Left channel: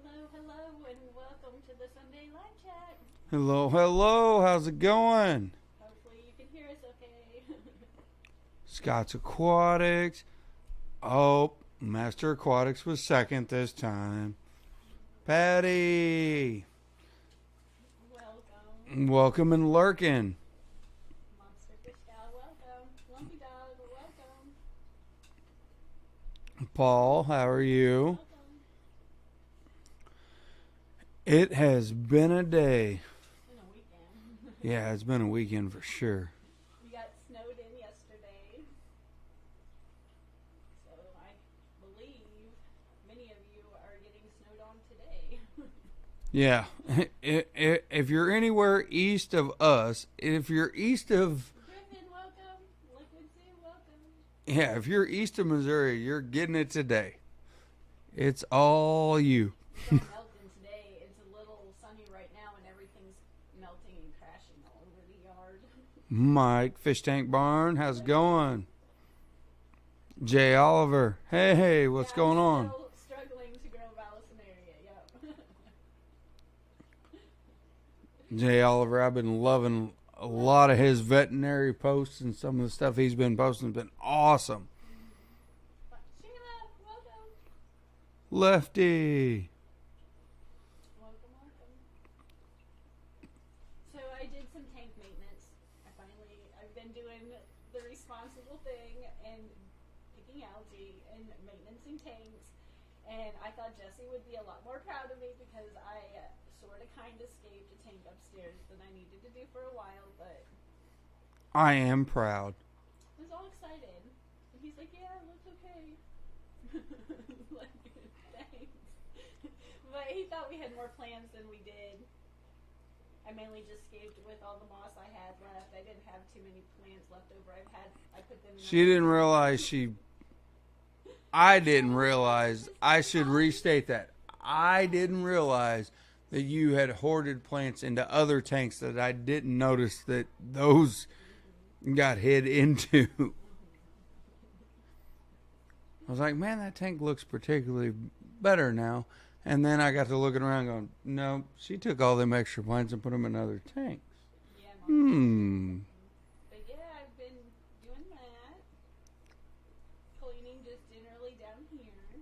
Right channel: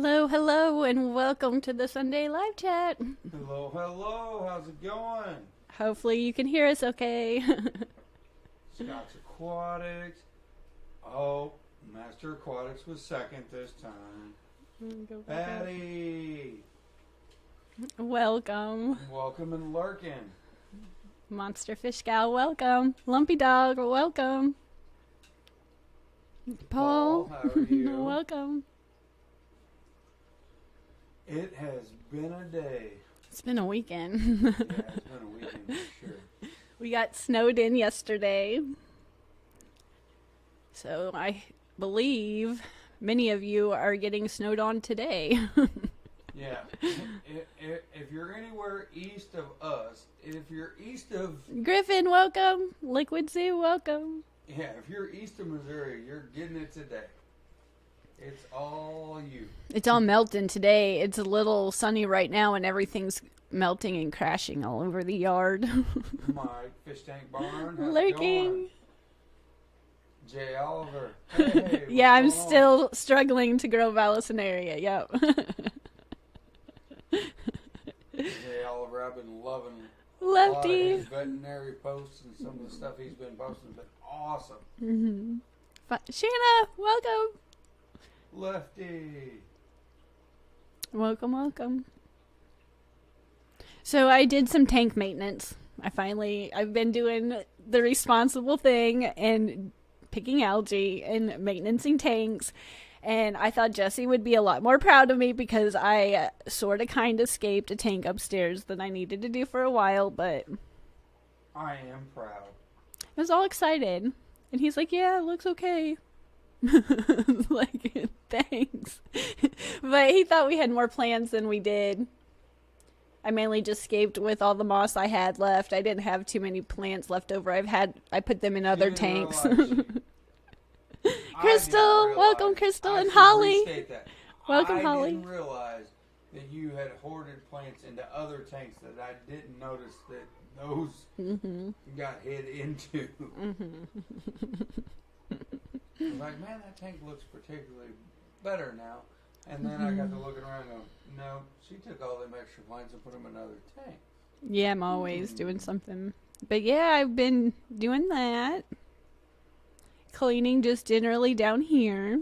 Hello, hello, and welcome to the Sunday live chat. Hello, hello. How's it going? Hopefully you can hear us okay. Scott's Aquatics. Oh, Master Aquatics was second this time. Patty. Welcome. Welcome and lurking. Monster Fish Gal, welcome. Lumpy Dog, welcome. Paul, how are you? Welcome. It has been a day. It's been a weekend. Yeah, it's been a weekend for sure. We got snowed in yesterday. So I believe many of you are getting snowed on today. Yeah. If you're anywhere east of us, if you're east of... Griffin, welcome. Liquid Zoo, welcome. Yeah, if you're east of Missouri, you're getting it today. It's all you. It's all melting today. It's a little sunny right now, and everything's melting and crashing all over the yard. Mike, Fish Tank Barn, how's Lurking. it going? Jay Oliver, hey, what's yeah, going I'm on? still struggling to grow Vallisneria. Yep. Jay Oliver, I've been loving a lot of his veterinary posts, and some of the stuff he's been posting has been awesome. Mm-hmm. Shanna, welcome. Lefty. Welcome, welcome. So I did some tank maintenance. I've been doing the responsible thing and picking algae and maintaining tanks. And I thought Jesse would be a lot more proud of me because I sort of kind of escaped a tank upstairs that I needed to do for a while, but I am proud. I was all excited. And he's like, yeah, it looks okay. Like, thanks. But he thought we had more plans than we did. I mainly just escaped with all the moss I had left. I didn't have too many plants left over. I put them in She other didn't tanks. realize she... I didn't Crystal, realize... welcome, Crystal I and should Holly. restate that. Welcome, I Holly. didn't realize that you had hoarded plants into other tanks that I didn't notice that those got hid into. I was like, man, that tank looks particularly better now. And then I got to looking around going, no, she took all them extra plants and put them in other tanks. Yeah, I'm always doing something. But yeah, I've been doing that. Cleaning just generally down here.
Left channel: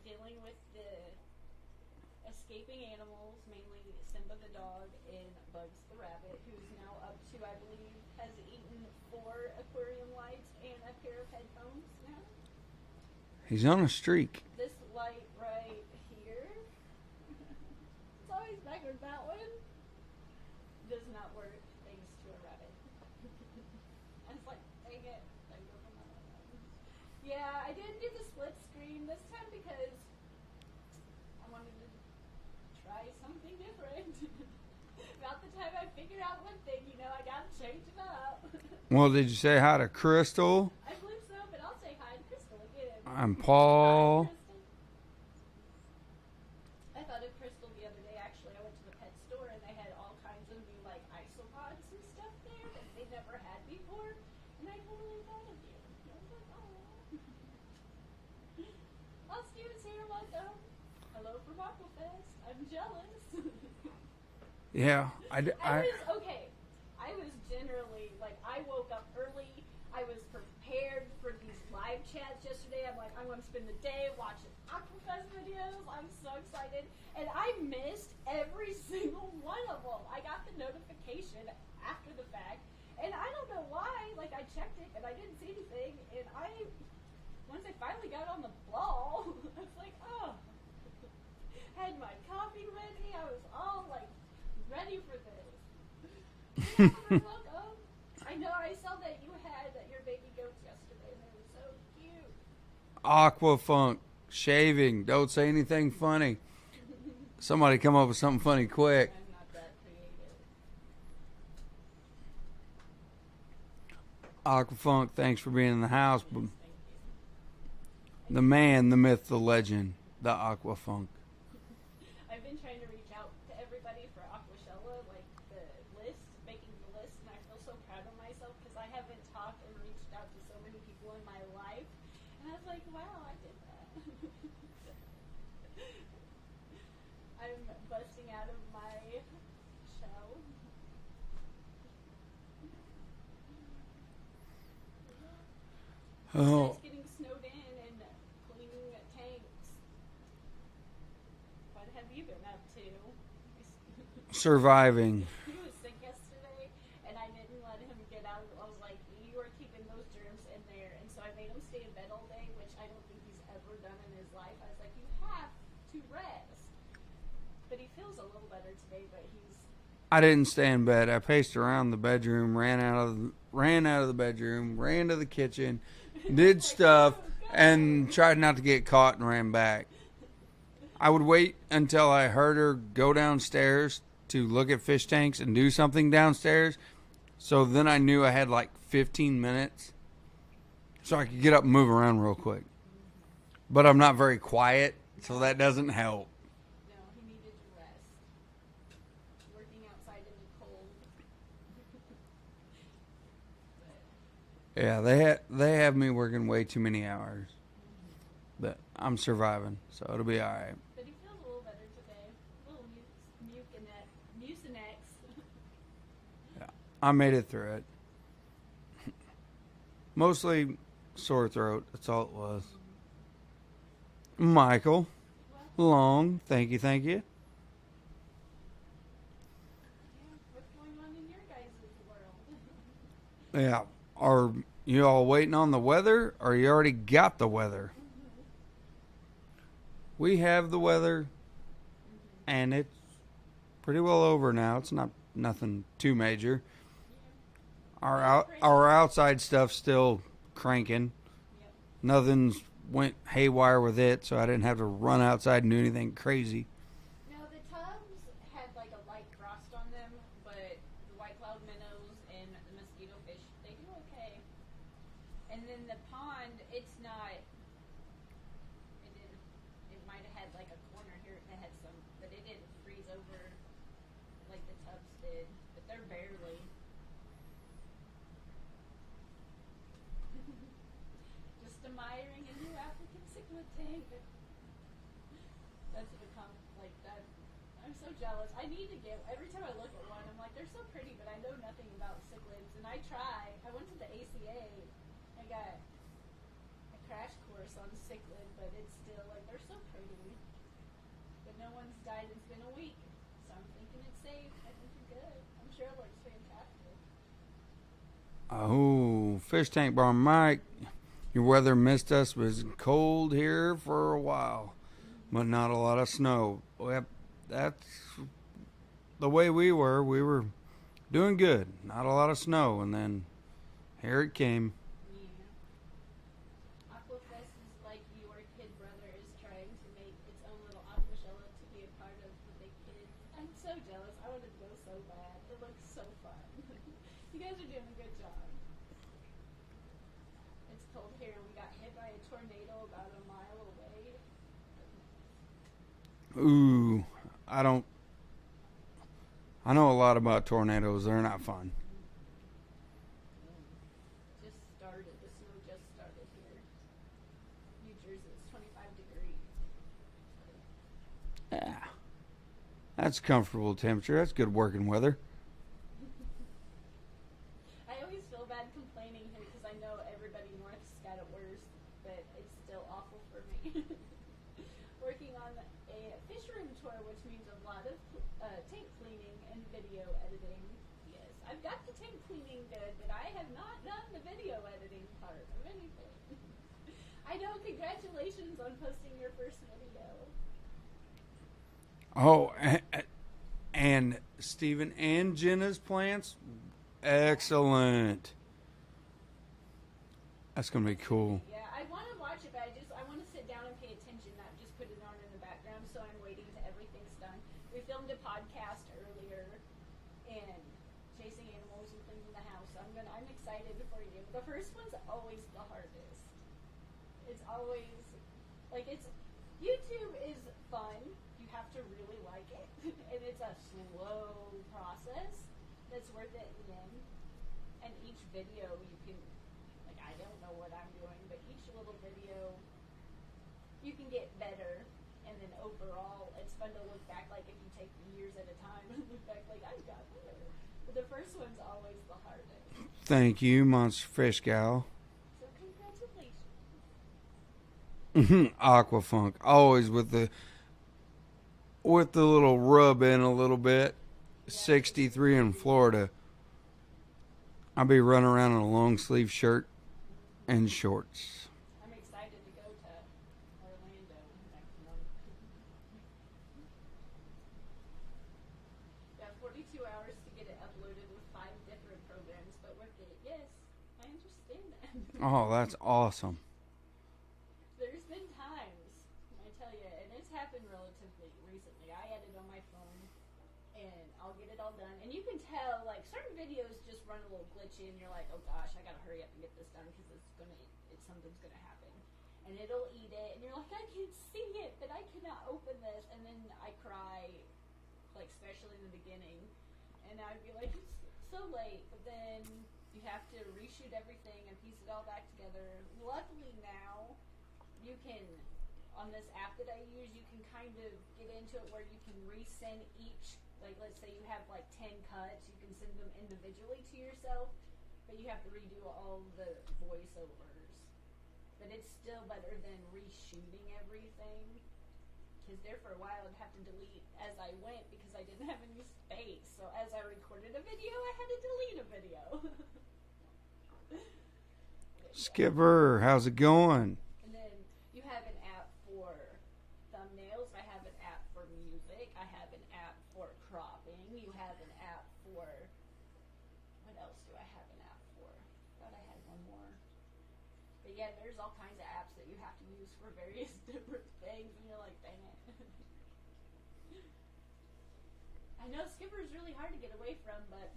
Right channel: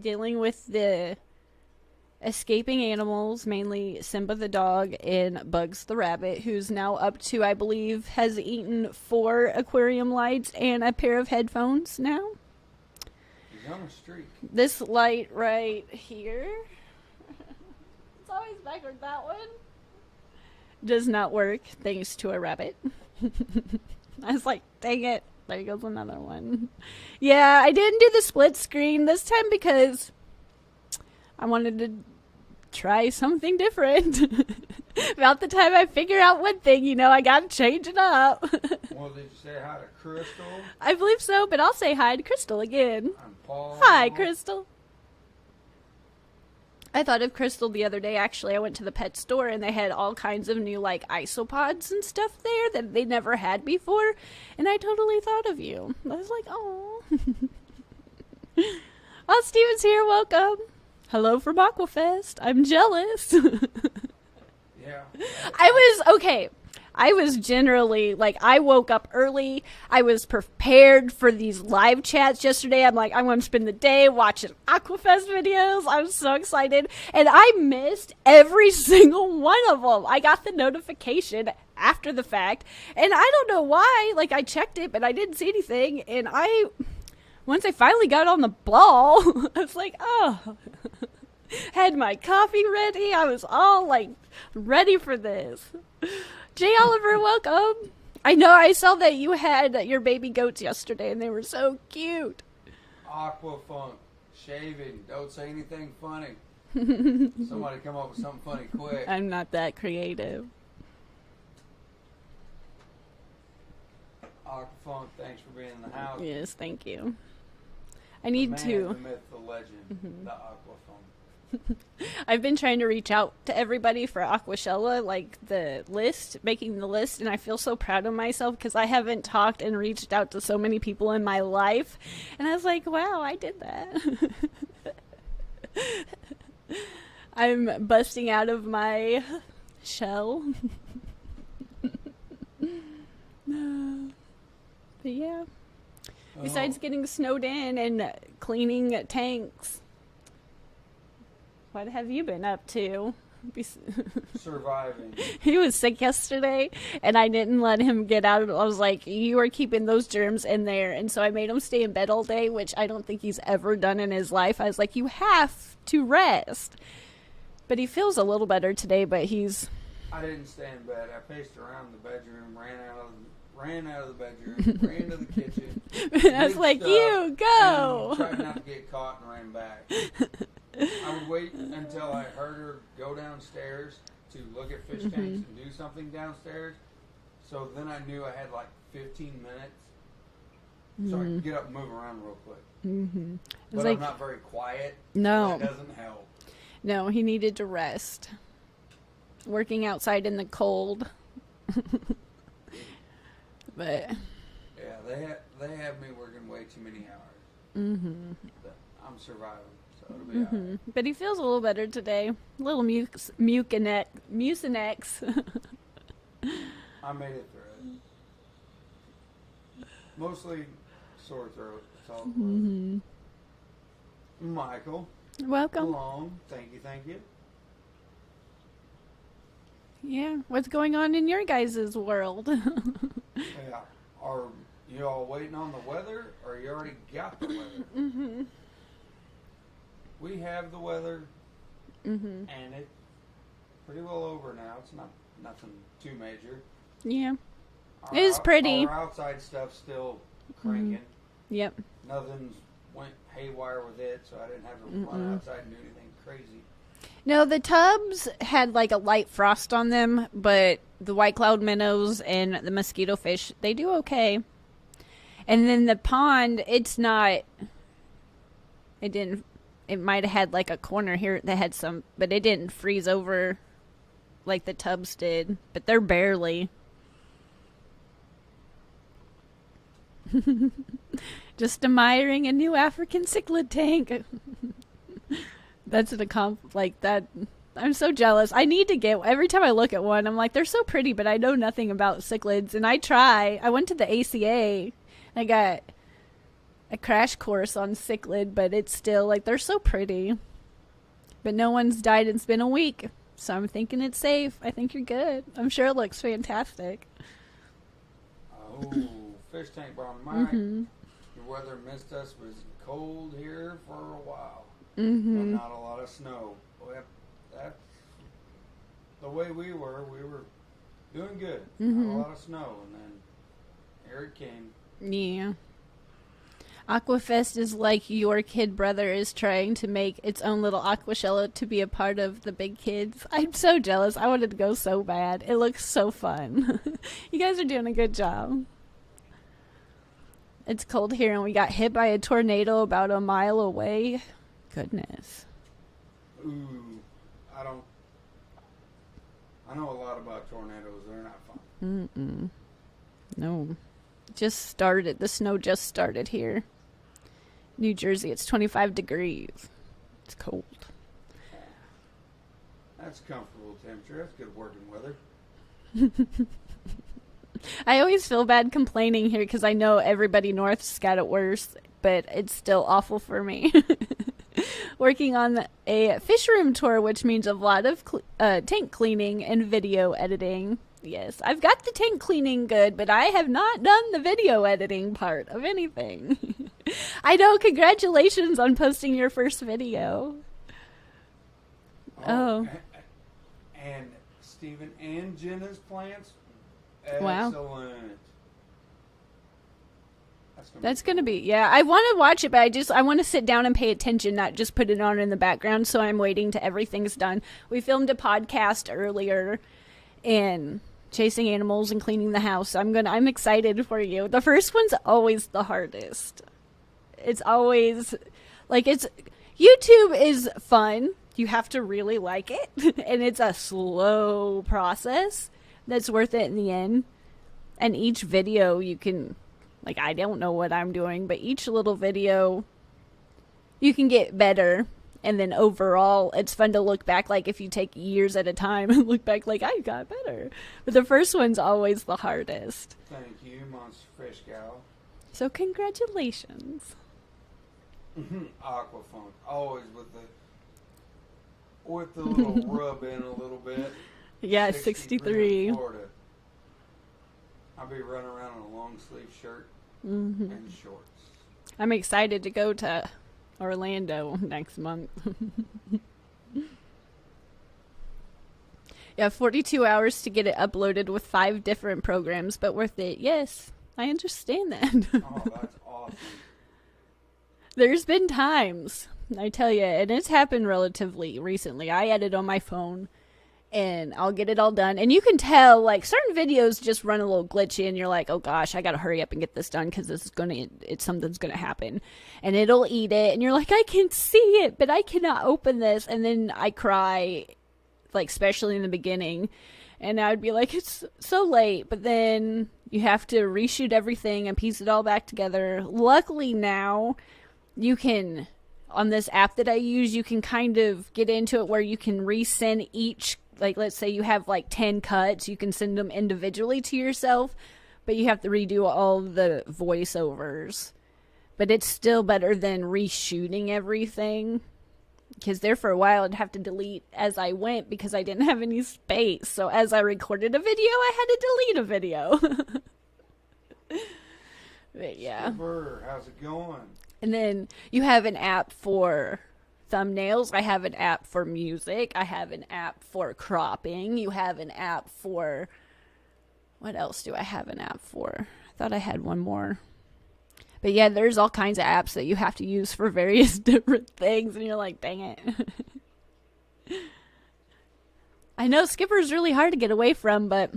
Dealing with the escaping animals, mainly Simba the dog and Bugs the rabbit, who's now up to, I believe, has eaten 4 aquarium lights and a pair of headphones now. He's on a streak. This light right here, it's always backward, that one, does not work thanks to a rabbit. I was like, dang it, there goes another one. Yeah, I didn't do the split screen this time because I wanted to try something different. About the time I figure out one thing, I gotta change it up. Well, did you say hi to Crystal? I believe so, but I'll say hi to Crystal again. I'm Paul. Hi, Crystal. I thought of Crystal the other day. Actually, I went to the pet store and they had all kinds of new isopods and stuff there that they never had before, and I totally thought of you. I was like, oh. Oh, Steven's here. Welcome. Hello from Aquafest. I'm jealous. Yeah. I was generally, I woke up early. I was prepared for these live chats yesterday. I'm like, I'm going to spend the day watching Aquafest videos. I'm so excited. And I missed every single one of them. I got the notification after the fact. And I don't know why. I checked it, but I didn't see anything. And once I finally got on the ball, I was like, oh. Had my coffee ready. I was all, ready for this. Jay Oliver, welcome. I know I saw that you had your baby goats yesterday, and they were so cute. Aquafunk, shaving. Don't say anything funny. Somebody come up with something funny quick. I'm not that creative. Aquafunk, thanks for being in the house. Yes, thank you. The man, the myth, the legend, the Aquafunk. I've been trying to reach out to everybody for Aquashella, making the list, and I feel so proud of myself because I haven't talked and reached out to so many people in my life. And I was like, wow, I did that. I'm busting out of my shell. But yeah. Besides getting snowed in and cleaning tanks, what have you been up to? Surviving. He was sick yesterday, and I didn't let him get out. I was like, you are keeping those germs in there. And so I made him stay in bed all day, which I don't think he's ever done in his life. I was like, you have to rest. But he feels a little better today, but he's... I didn't stay in bed. I paced around the bedroom, ran out of the bedroom, ran to the kitchen, did like, stuff, you go! and tried not to get caught and ran back. I would wait until I heard her go downstairs to look at fish tanks and do something downstairs. So then I knew I had like 15 minutes so I could get up and move around real quick. But I'm not very quiet, No. so that doesn't help. No, he needed to rest. Working outside in the cold. But Yeah, they have me working way too many hours. But I'm surviving, so it'll be all right. But he feels a little better today. A little mucinex. I made it through it. Mostly sore throat. That's all it was. Michael, Welcome. Long. Thank you. Yeah. What's going on in your guys' world? Yeah. Are you all waiting on the weather, or you already got the weather? We have the weather, and it's pretty well over now. It's nothing too major. Yeah. Our It was pretty. Our outside stuff's still cranking. Yep. Nothing's went haywire with it, so I didn't have to run outside and do anything crazy. No, the tubs had like a light frost on them, but the white cloud minnows and the mosquito fish, they do okay. And then the pond, it might have had like a corner here that had some, but it didn't freeze over like the tubs did, but they're barely. Just admiring a new African cichlid tank. That's like that. I'm so jealous. I need to get, every time I look at one, I'm like, they're so pretty, but I know nothing about cichlids. And I went to the ACA. I got a crash course on cichlid, but it's still like, they're so pretty. But no one's died. It's been a week. So I'm thinking it's safe. I think you're good. I'm sure it looks fantastic. Oh, fish tank bar Mike. Your weather missed us. It was cold here for a while, but not a lot of snow. Well, that's the way we were. We were doing good. Not a lot of snow, and then here it came. Yeah. Aquafest is like your kid brother is trying to make its own little Aquashella to be a part of the big kids. I'm so jealous. I wanted to go so bad. It looks so fun. You guys are doing a good job. It's cold here and we got hit by a tornado about a mile away. Goodness. Ooh, I know a lot about tornadoes. They're not fun. No. Just started. The snow just started here. New Jersey, it's 25 degrees. It's cold. Yeah. That's comfortable temperature. That's good working weather. I always feel bad complaining here because I know everybody north's got it worse, but it's still awful for me. Working on a fish room tour, which means a lot of tank cleaning and video editing. Yes, I've got the tank cleaning good, but I have not done the video editing part of anything. I know, congratulations on posting your first video. Oh. And Stephen and Jenna's plants, excellent. Wow. That's gonna be cool. Yeah, I want to watch it, but I want to sit down and pay attention, not just put it on in the background, so I'm waiting till everything's done. We filmed a podcast earlier, and chasing animals and cleaning the house. I'm excited for you. The first one's always the hardest. It's always YouTube is fun. You have to really like it, and it's a slow process that's worth it in the end. And each video you can, I don't know what I'm doing, but each little video you can get better And then overall, it's fun to look back, like if you take years at a time and look back like, I got better. But the first one's always the hardest. Thank you, Monster Fish Gal. So congratulations. Aquafunk, always with the little rub in a little bit. Yeah, 63 in Florida. I'll be running around in a long sleeve shirt and shorts. I'm excited to go to Orlando next month. Yeah, 42 hours to get it uploaded with 5 different programs, but worth it. Yes, I understand that. Oh, that's awesome. There's been times, I tell you, and it's happened relatively recently. I edit on my phone, and I'll get it all done. And you can tell, like, certain videos just run a little glitchy, and you're like, oh gosh, I gotta hurry up and get this done because something's gonna happen. And it'll eat it, and you're like, I can see it, but I cannot open this. And then I cry, like, especially in the beginning. And I would be like, it's so late. But then you have to reshoot everything and piece it all back together. Luckily now, you can, on this app that I use, you can kind of get into it where you can resend each, like, let's say you have like 10 cuts, you can send them individually to yourself, but you have to redo all the voiceovers. But it's still better than reshooting everything, because there for a while I'd have to delete as I went because I didn't have any space. So as I recorded a video, I had to delete a video. But yeah. Skipper, how's it going? And then you have an app for thumbnails. I have an app for music. I have an app for cropping. You have an app for... What else do I have an app for? I thought I had one more. But yeah, there's all kinds of apps that you have to use for various different things. And you're like, dang it. I know Skipper's really hard to get away from, but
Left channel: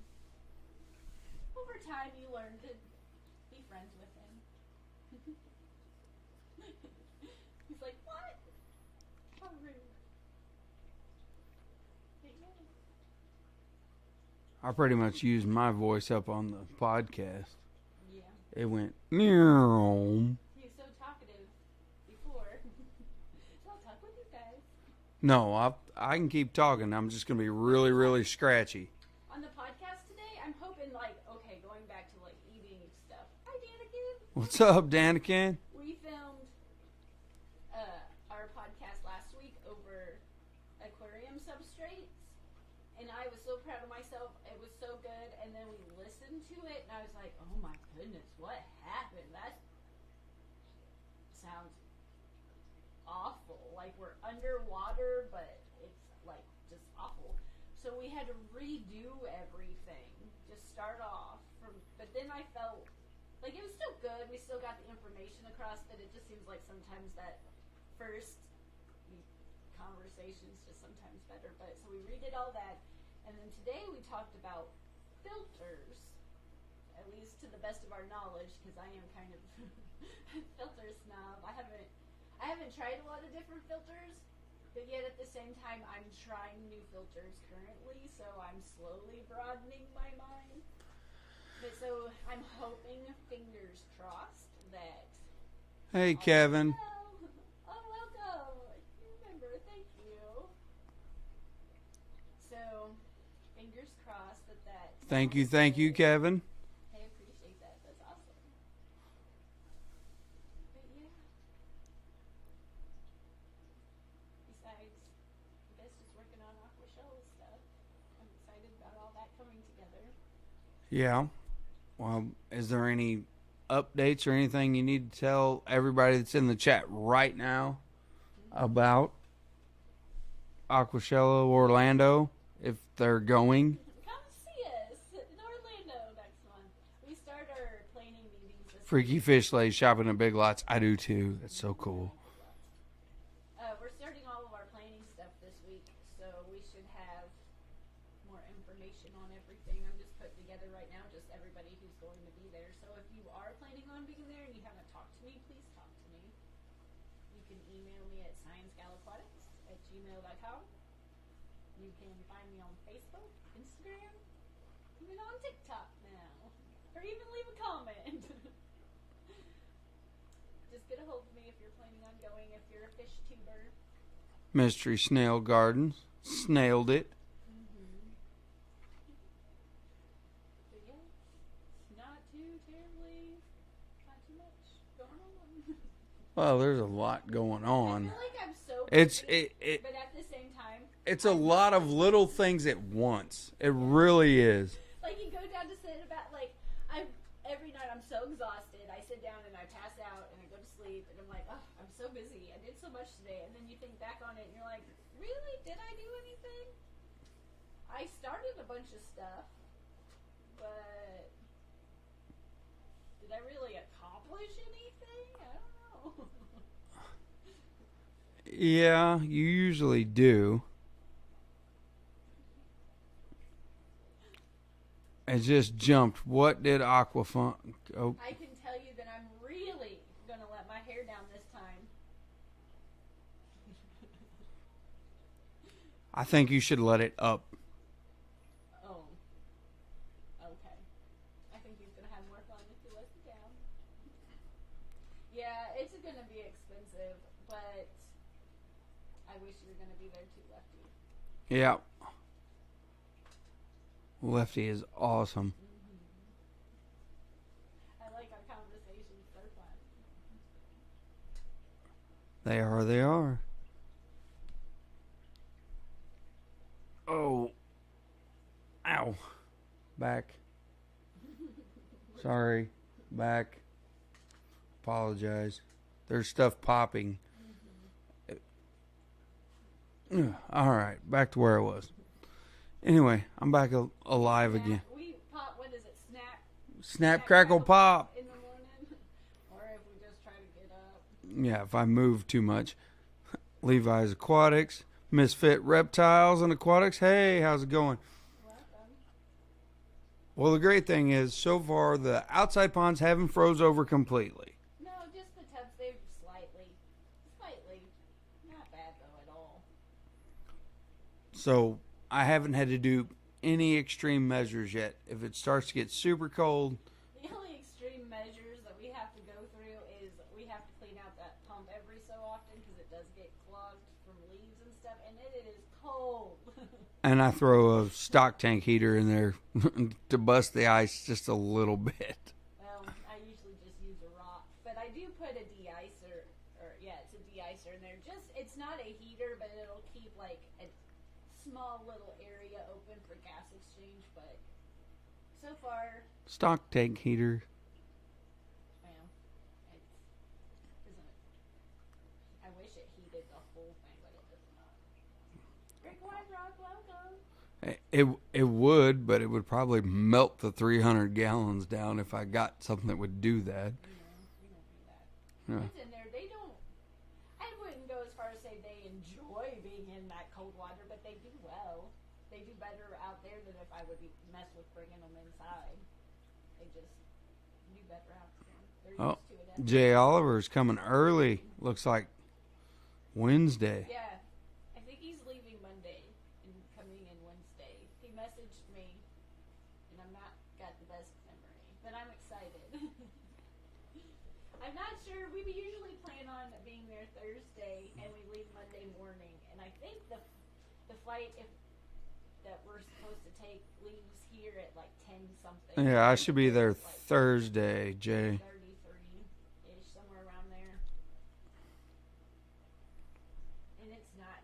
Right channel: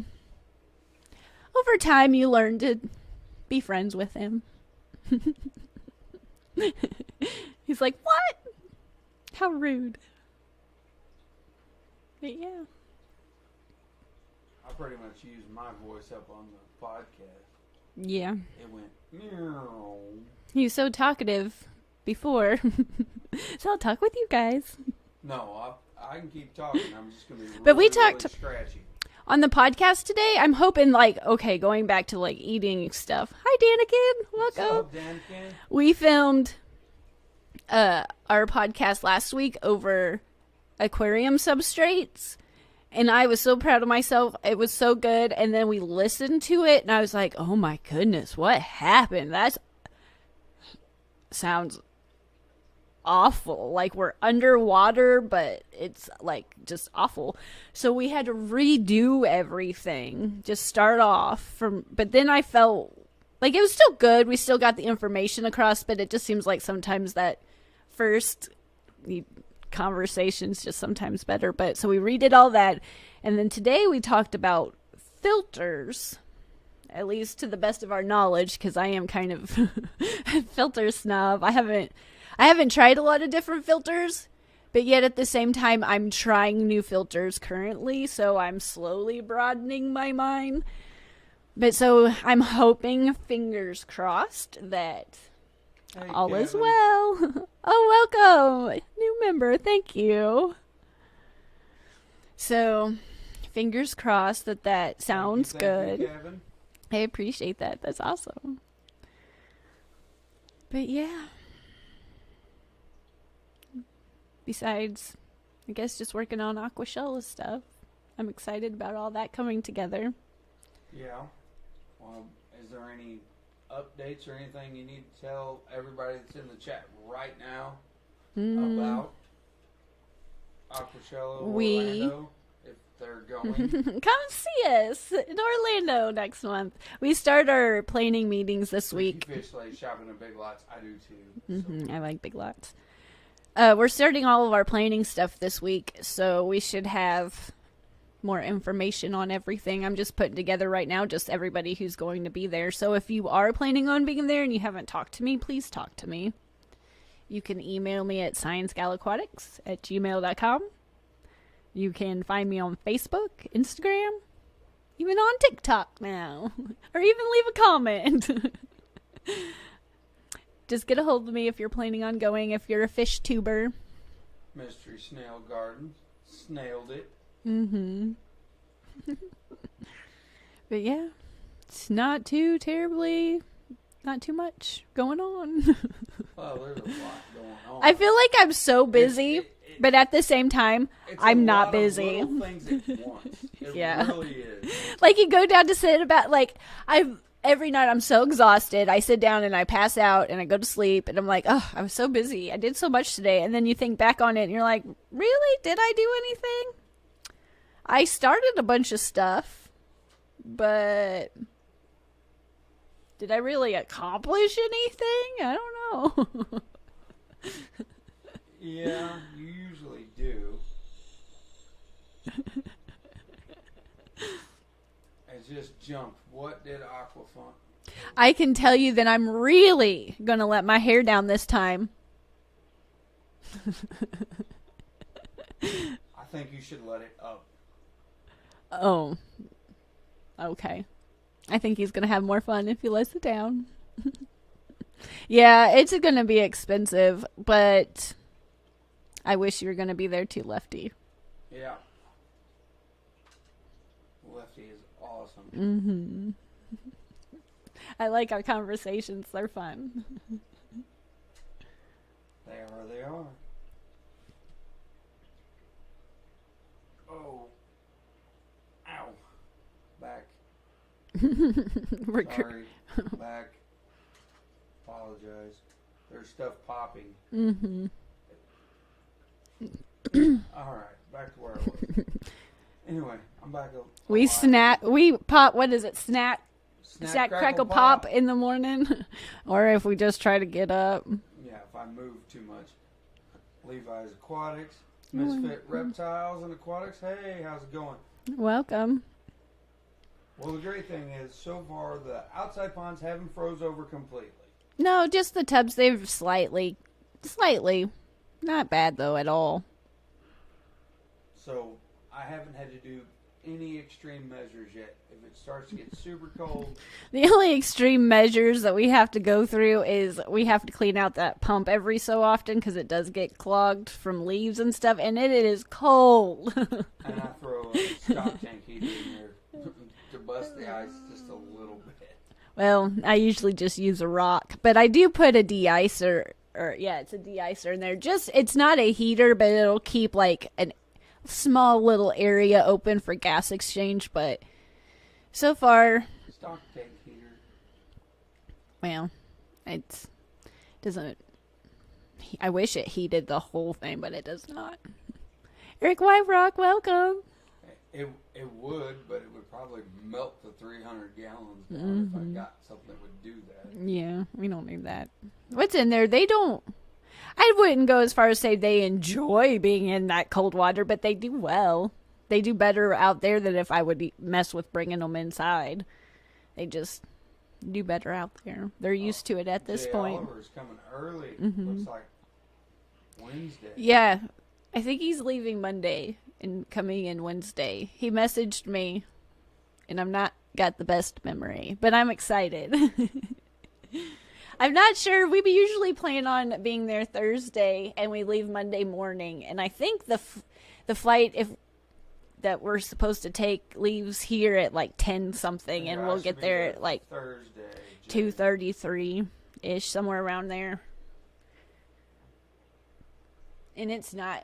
over time you learn to be friends with him. He's like, what? How rude. But yeah. I pretty much used my voice up on the podcast. Yeah. It went, meow. He was so talkative before. So I'll talk with you guys. No, I can keep talking. I'm just going to be But we really talked- scratchy. On the podcast today, I'm hoping, like, okay, going back to, like, eating stuff. Hi, Danikin. What's Welcome. up, Danikin? We filmed our podcast last week over aquarium substrates, and I was so proud of myself. It was so good. And then we listened to it, and I was like, oh my goodness, what happened? That sounds awful. Like we're underwater, but it's like just awful. So we had to redo everything, just start off from, but then I felt like it was still good. We still got the information across, but it just seems like sometimes that first conversation's just sometimes better. But so we redid all that. And then today we talked about filters, at least to the best of our knowledge, because I am kind of a filter snob. I haven't tried a lot of different filters, but yet at the same time, I'm trying new filters currently, so I'm slowly broadening my mind. But so I'm hoping, fingers crossed, that Hey, all Kevin. is well. Oh, welcome. New member. Thank you. So, fingers crossed that sounds Thank you, good. Kevin. I appreciate that. That's awesome. But yeah. Besides, I guess just working on Aquashella stuff. I'm excited about all that coming together. Yeah. Well, is there any updates or anything you need to tell everybody that's in the chat right now about Aquashella Orlando, if they're going? Come see us in Orlando next month. We start our planning meetings this Freaky week. Fish Lay shopping at Big Lots. I do too. That's so cool. I like Big Lots. We're starting all of our planning stuff this week, so we should have more information on everything. I'm just putting together right now just everybody who's going to be there. So if you are planning on being there and you haven't talked to me, please talk to me. You can email me at sciencegalaquatics@gmail.com. You can find me on Facebook, Instagram, even on TikTok now, or even leave a comment. Just get a hold of me if you're planning on going, if you're a fish tuber. Mystery Snail Gardens. Snailed it. Mm-hmm. But yeah, it's not too much going on. Well, there's a lot going on. I feel like I'm so busy, but at the same time, I'm not busy. It's a lot of little things at once. It Yeah. really is. Like you go down to sit about every night I'm so exhausted. I sit down and I pass out and I go to sleep and I'm like, oh, I was so busy. I did so much today. And then you think back on it and you're like, really? Did I do anything? I started a bunch of stuff, but did I really accomplish anything? I don't know. Yeah, you usually do. It just jumped. What did Aquafun? Oh, I can tell you that I'm really going to let my hair down this time. I think you should let it up. Oh. Okay. I think he's going to have more fun if he lets it down. Yeah, it's going to be expensive, but I wish you were going to be there too, Lefty. Yeah. Lefty is awesome. Mm-hmm. I like our conversations. They're fun. They are. Oh. Ow. Back. Sorry. Back. Apologize. There's stuff popping. Mm-hmm. All right. Back to where I was. Anyway, I'm back alive We snack. again. We pop. What is it? Snack, Snap, crackle, pop. in the morning, or if we just try to get up. Yeah, if I move too much. Levi's Aquatics. Misfit Reptiles and Aquatics. Hey, how's it going? Welcome. Well, the great thing is, so far, the outside ponds haven't froze over completely. No, just the tubs. They've slightly, not bad though at all. So I haven't had to do any extreme measures yet. If it starts to get super cold, The only extreme measures that we have to go through is we have to clean out that pump every so often because it does get clogged from leaves and stuff, and it is cold. and I throw a stock tank heater in there to bust the ice just a little bit. Well, I usually just use a rock, but I do put a de-icer, it's a de-icer in there. It's not a heater, but it'll keep like a small little area open for gas exchange, but so far, Stock tank heater. well, it doesn't. I wish it heated the whole thing, but it does not. Eric Whiterock, welcome. It would, but it would probably melt the 300 gallons down if I got something that would do that. Yeah, we don't need that. No. What's in there? They don't. I wouldn't go as far as say they enjoy being in that cold water, but they do well. They do better out there than if I would mess with bringing them inside. They just do better out there. They're used to it at this Jay point. Oliver's coming early. Looks like Wednesday. Yeah, I think he's leaving Monday and coming in Wednesday. He messaged me, and I'm not got the best memory, but I'm excited. I'm not sure. We usually plan on being there Thursday, and we leave Monday morning. And I think the flight that we're supposed to take leaves here at like 10 something, Yeah, and I we'll should get be there there at like Thursday, Jay. 2:33 ish, somewhere around there. And it's not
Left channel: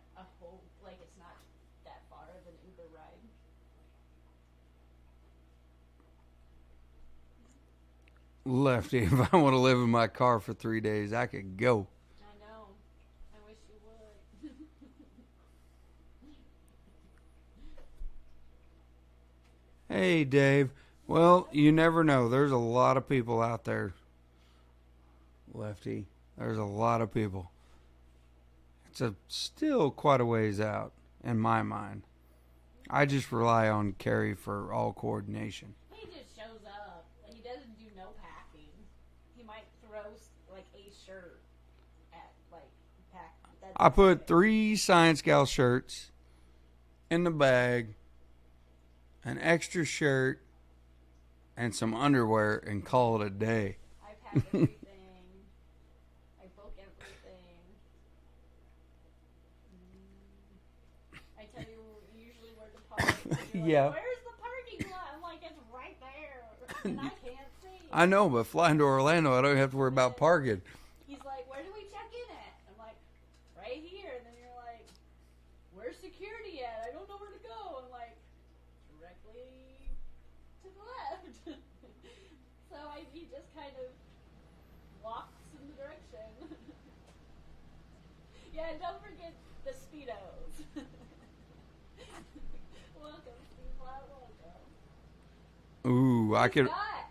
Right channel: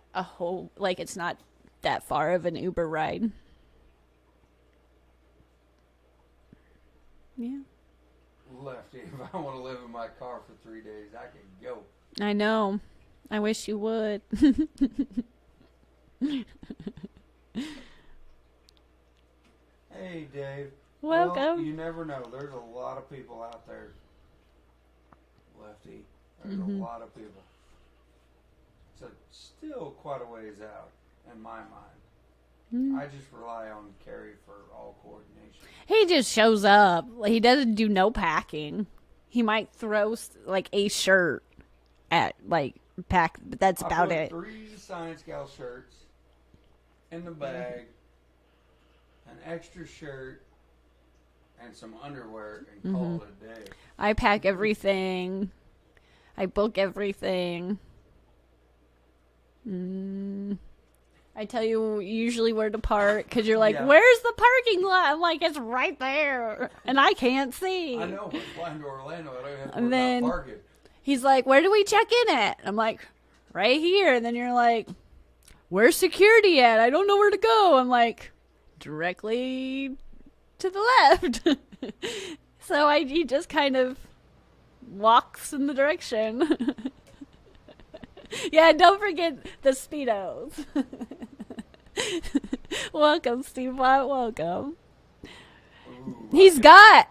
it's not that far of an Uber ride. Yeah. Lefty, if I want to live in my car for 3 days, I could go. I know. I wish you would. Hey, Dave. Welcome. Well, you never know. There's a lot of people out there. Lefty, there's a lot of people. It's still quite a ways out, in my mind. I just rely on Carrie for all coordination. He just shows up. He doesn't do no packing. He might throw like a shirt at pack, but that's I about put it. 3 Science Gal shirts in the bag, an extra shirt, and some underwear, and call it a day. I pack everything. I book everything. I tell you usually where to park because you're like, Yeah. where's the parking lot? I'm like, it's right there. And I can't see. I know, but flying to Orlando, I don't have to worry then- about parking. He's like, where do we check in at? I'm like, right here. And then you're like, where's security at? I don't know where to go. I'm like, directly to the left. So he just kind of walks in the direction. Yeah, don't forget the Speedos. Welcome, Steve Watt. Welcome. Ooh, He's got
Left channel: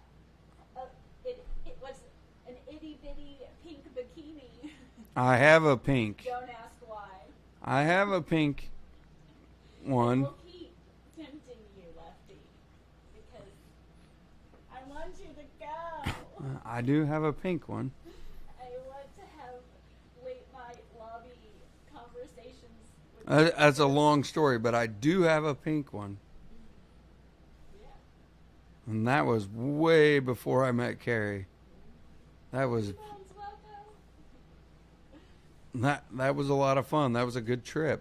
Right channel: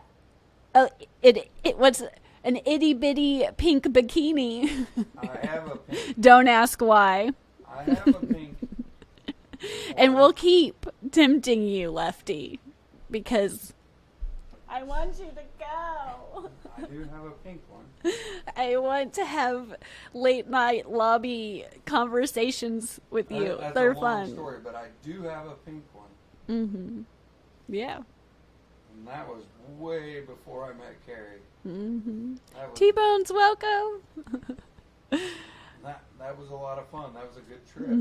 what's an itty bitty pink bikini. I have a pink. Don't ask why. I have a pink one. And we'll keep tempting you, Lefty, because I want you to go. I do have a pink one. I want to have late night lobby conversations with you. That's a They're long fun. story, but I do have a pink one. Yeah. And that was way before I met Carrie. That was T-Bones, welcome. that was a lot of fun. That was a good trip.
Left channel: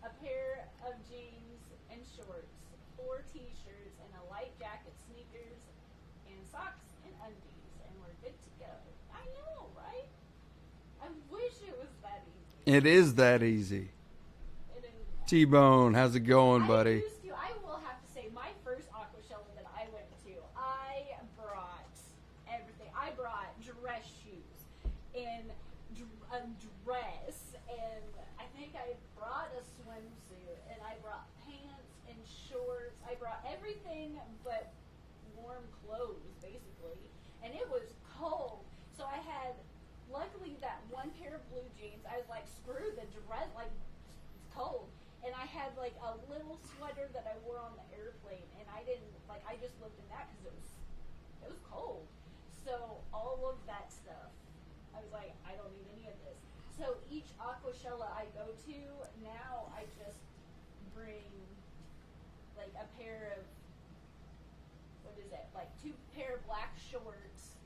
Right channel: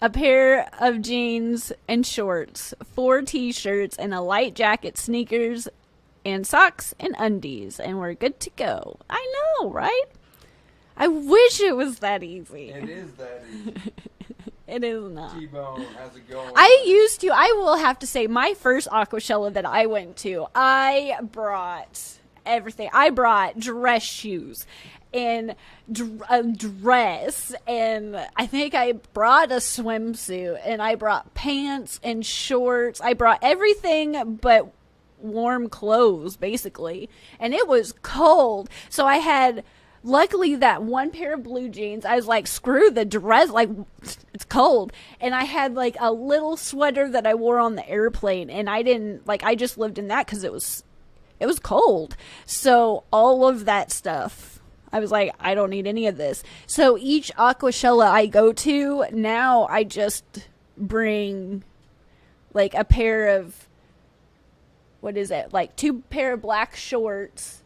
A pair of jeans and shorts, 4 t-shirts, and a light jacket, sneakers, and socks and undies, and we're good to go. I know, right? I wish it was that easy. It is that easy. It is not. T-Bone, how's it going, I buddy? used to. I will have to say, my first Aquashella that I went to, I brought everything. I brought dress shoes and a dress, and I think I brought a swimsuit, and I brought pants and shorts. I brought everything but warm clothes, basically, and it was cold, so I had luckily that one pair of blue jeans. I was like, screw the dress, like, it's cold. And I had like a little sweater that I wore on the airplane, and I didn't like, I just lived in that because it was cold. So all of that stuff, I was like, I don't need any of this. So each Aquashella I go to now, I just bring like a pair of, what is it, like 2 pair of black shorts,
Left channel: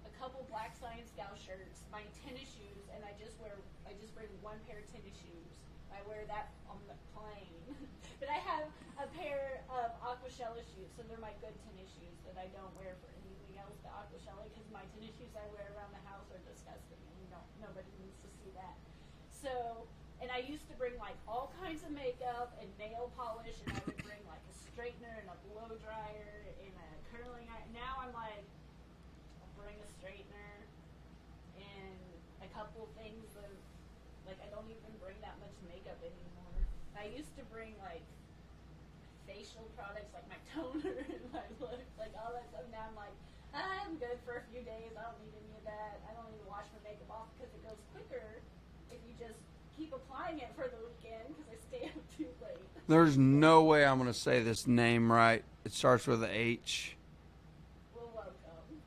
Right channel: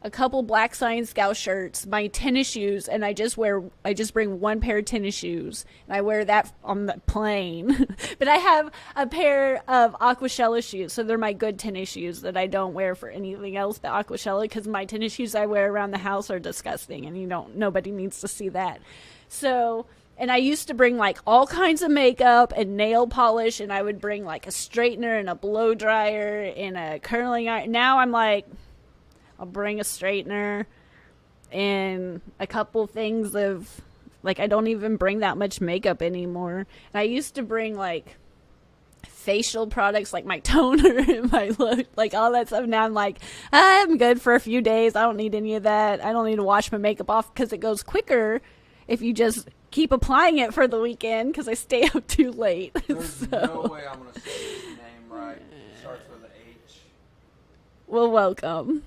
a couple black Science Scout shirts, my tennis shoes, and I just bring 1 pair of tennis shoes, and I wear that on the plane. But I have a pair of Aquashella shoes, so they're my good tennis shoes that I don't wear for anything else but Aquashella, because my tennis shoes I wear around the house are disgusting, and nobody needs to see that. So, and I used to bring like all kinds of makeup and nail polish, and I would bring like a straightener and a blow dryer and a curling iron. Now I'm like, I'll bring a straightener and a couple things of, like, I don't even bring that much makeup anymore. And I used to bring, like, facial products, like my toner and my look, like all that stuff. Now I'm like, I'm good for a few days. I don't need any of that. I don't need to wash my makeup off because it goes quicker if you just keep applying it for the weekend because I stay up too late. There's no way I'm going to say this name right. It starts with an H. Well, welcome.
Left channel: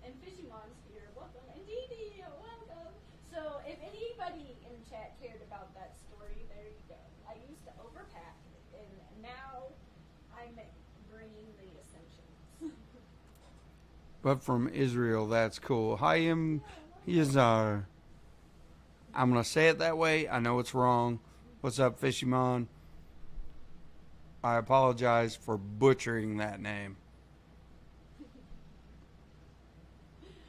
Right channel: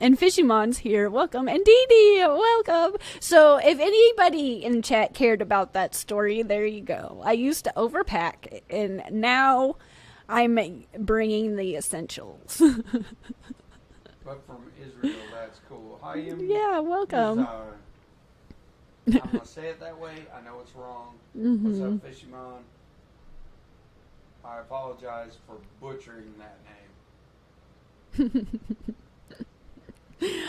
And Fishymon's here. Welcome. And Dee Dee, welcome. So if anybody in chat cared about that story, there you go. I used to overpack, and now I'm bringing the essentials. But from Israel, that's cool. Hayim Yeah, welcome. Yazar. I'm going to say it that way. I know it's wrong. What's up, Fishymon? I apologize for butchering that name.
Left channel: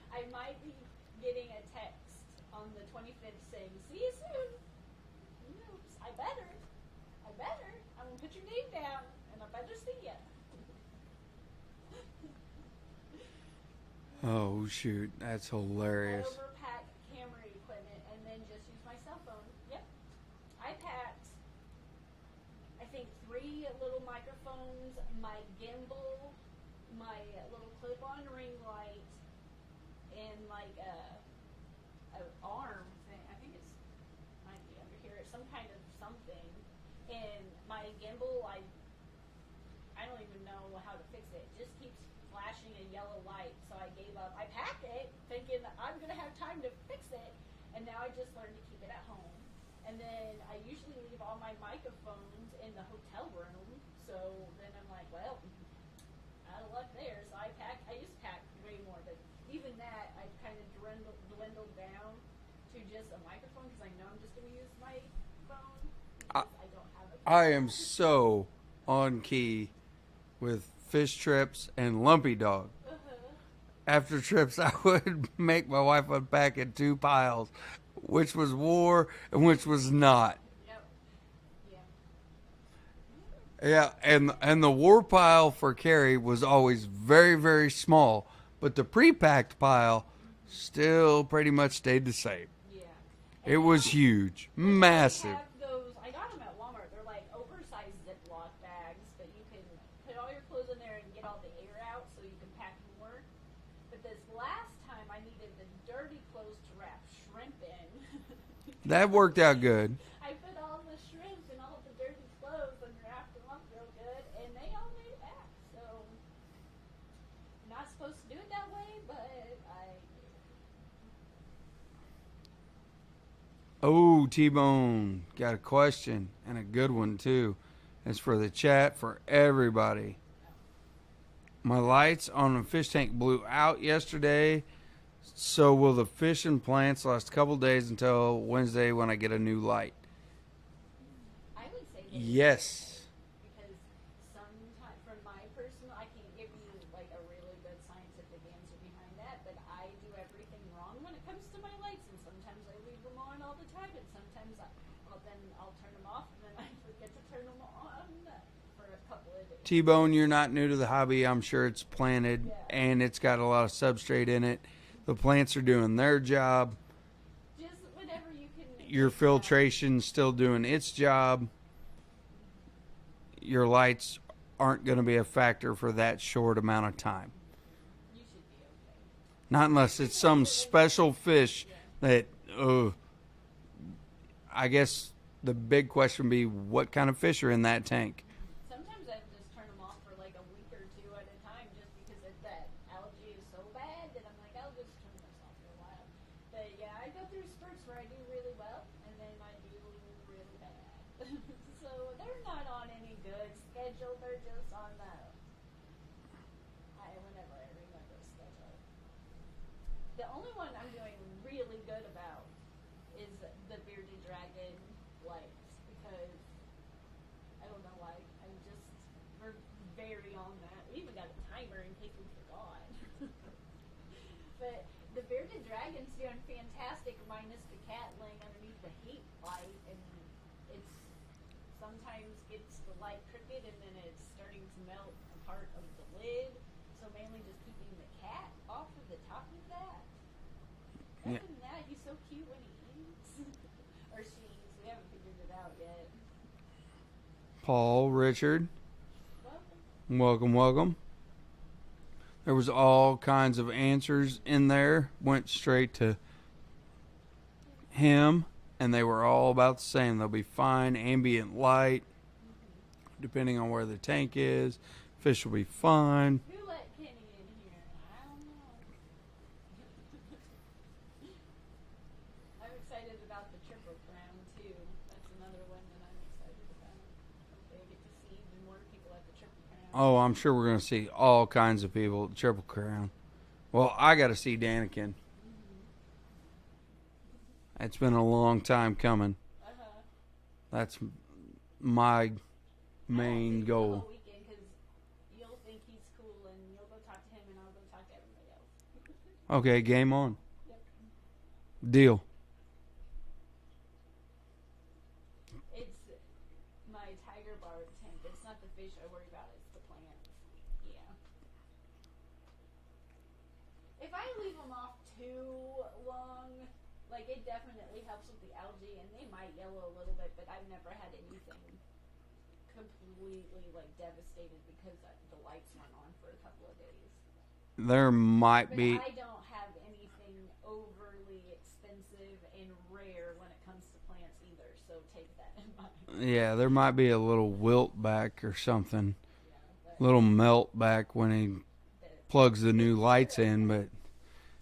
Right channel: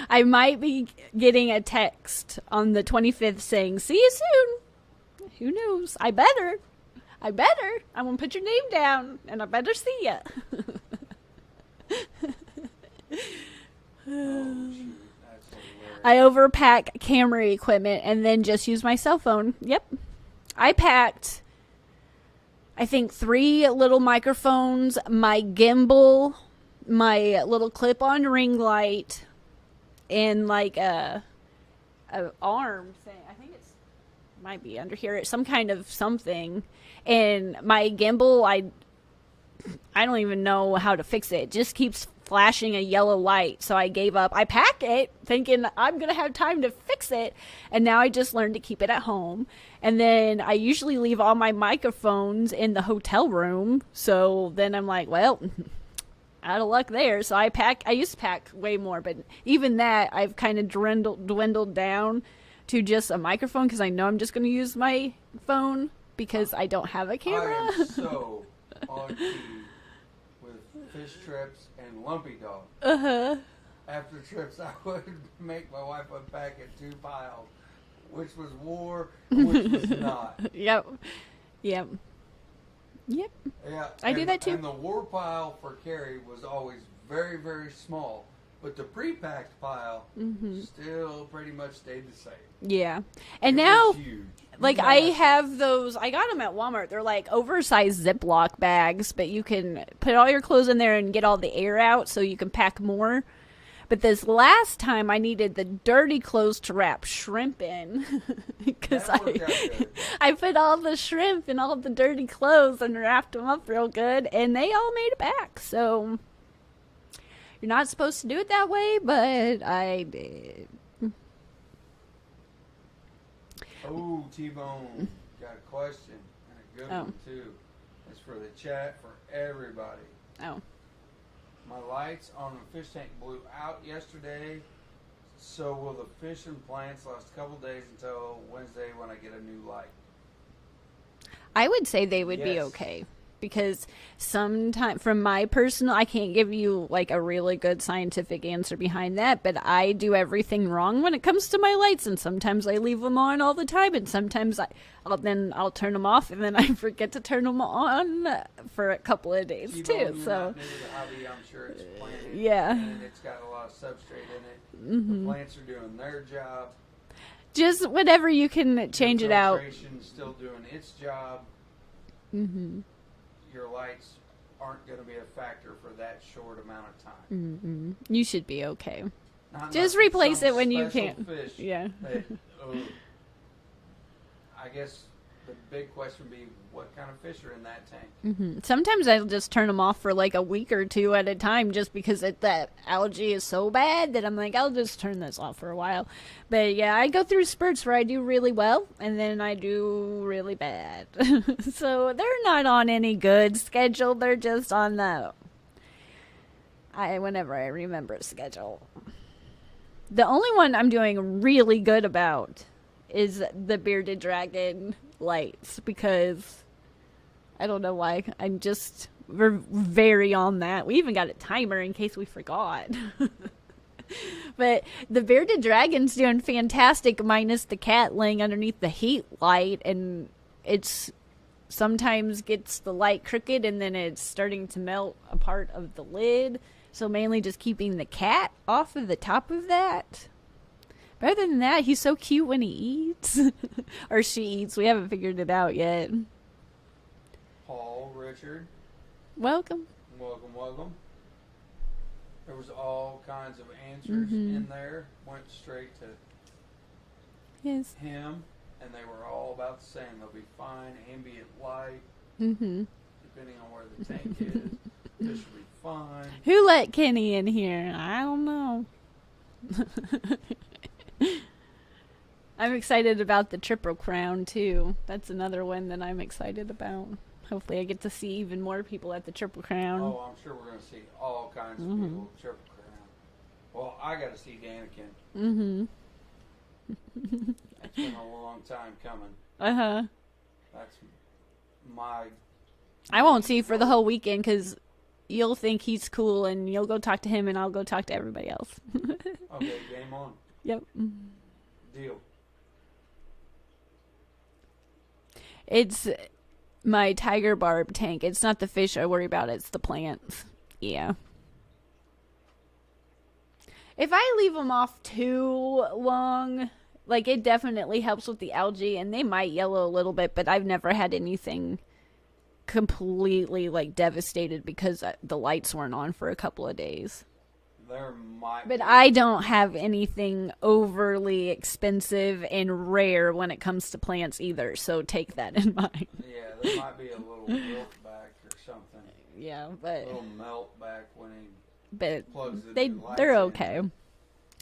I might be getting a text on the 25th saying, see you soon. Who knows? I better. I'm going to put your name down, and I better see ya. Oh, shoot. That's hilarious. I overpack camera equipment and then just use my cell phone. Yep. I packed, I think, 3 little microphones, my gimbal, my little clip-on ring light, and like a arm thing. I think it's might be under here. It's some kind of something. And my gimbal, I don't even know how to fix it. It just keeps flashing a yellow light. So I gave up. I pack it thinking I'm going to have time to fix it. And now I just learned to keep it at home. And then I usually leave all my microphones in the hotel room. So then I'm like, well, out of luck there. So I used to pack way more, but even that I've kind of dwindled down to just a microphone because I know I'm just going to use my phone because I don't have a I camera. am so on key with fish trips and lumpy dog. After trips, I would make my wife unpack in 2 piles, which was war and which was not. Yep. Yep. Yeah, I do that too. and the war pile for Carrie was always very, very small, but the pre-packed pile still pretty much stayed the same. Yeah. And it now, was huge. like, Massive. I have those, I got them at Walmart. They're like oversized Ziploc bags, but you can put all your clothes in there and get all the air out so you can pack more. But this last time I needed the dirty clothes to wrap shrimp in. 'Cause That worked out good. I put all the shrimp in all the dirty clothes and wrapped them up real good, and they all made it back. So you're not supposed to do it that way, but I did. Oh, T-Bone got a question and a good Oh. one too. It's for the chat for everybody. Oh. My lights on the fish tank blew out yesterday. So will the fish and plants last a couple days until Wednesday when I get a new light? I would say they would be Yes. okay because sometimes, from my personal, I can't give you like a really good scientific answer behind that, but I do everything wrong when it comes to my lights, and sometimes I leave them on all the time, and sometimes I'll turn them off, and then I forget to turn them on for a couple of days. T-Bone, too, you're so. not new to the hobby. I'm sure it's planted, Yeah. and it's got a lot of substrate in it. The plants are doing their job. Just whatever you can change Your it out. filtration's still doing its job. Your lights aren't going to be a factor for that short amount of time. You should be okay. Not unless Just replace it's some it when you special can. fish Yeah. that. I guess the big question would be what kind of fish are in that tank. Sometimes I'll just turn them off for like a week or two at a time just because that algae is so bad that I'm like, I'll just turn this off for a while. But yeah, I go through spurts where I do really well and then I do really bad. So they're not on any good schedule. They're just on whenever I remember schedule. The only one I'm doing really good about is the bearded dragon lights because I don't know why. We're very on that. We even got a timer in case we forgot. But the bearded dragon's doing fantastic minus the cat laying underneath the heat light, and it's sometimes gets the light crooked and then it's starting to melt a part of the lid. So mainly just keeping the cat off of the top of that. But other than that, he's so cute when he eats. Or she eats. We haven't figured it out yet. Paul, Richard, Welcome. welcome. There was all kinds of answers in there. Went straight to Yes. him, and they were all about the same. They'll be fine. Ambient light, depending on where the tank is. Fish will be fine. Who let Kenny in here? I don't know. I'm excited about the Triple Crown, too. That's another one that I'm excited about. Hopefully I get to see even more people at the Triple Crown. Oh, I'm sure we're going to see all kinds of people at Triple Crown. Well, I got to see Daniken. It's been a long time coming. Uh-huh. That's my I won't main see you for the goal. whole weekend because you'll think he's cool and you'll go talk to him and I'll go talk to everybody else. Okay, game on. Yep. Deal. It's my tiger barb tank. It's not the fish I worry about. It's the plants. Yeah. If I leave them off too long, like it definitely helps with the algae and they might yellow a little bit, but I've never had anything completely like devastated because the lights weren't on for a couple of days. There might But be. I don't have anything overly expensive and rare when it comes to plants either, so take that in mind. Yeah, there might be a little wilt back or something. Yeah, but A little melt back when he plugs the new lights they're in. okay. But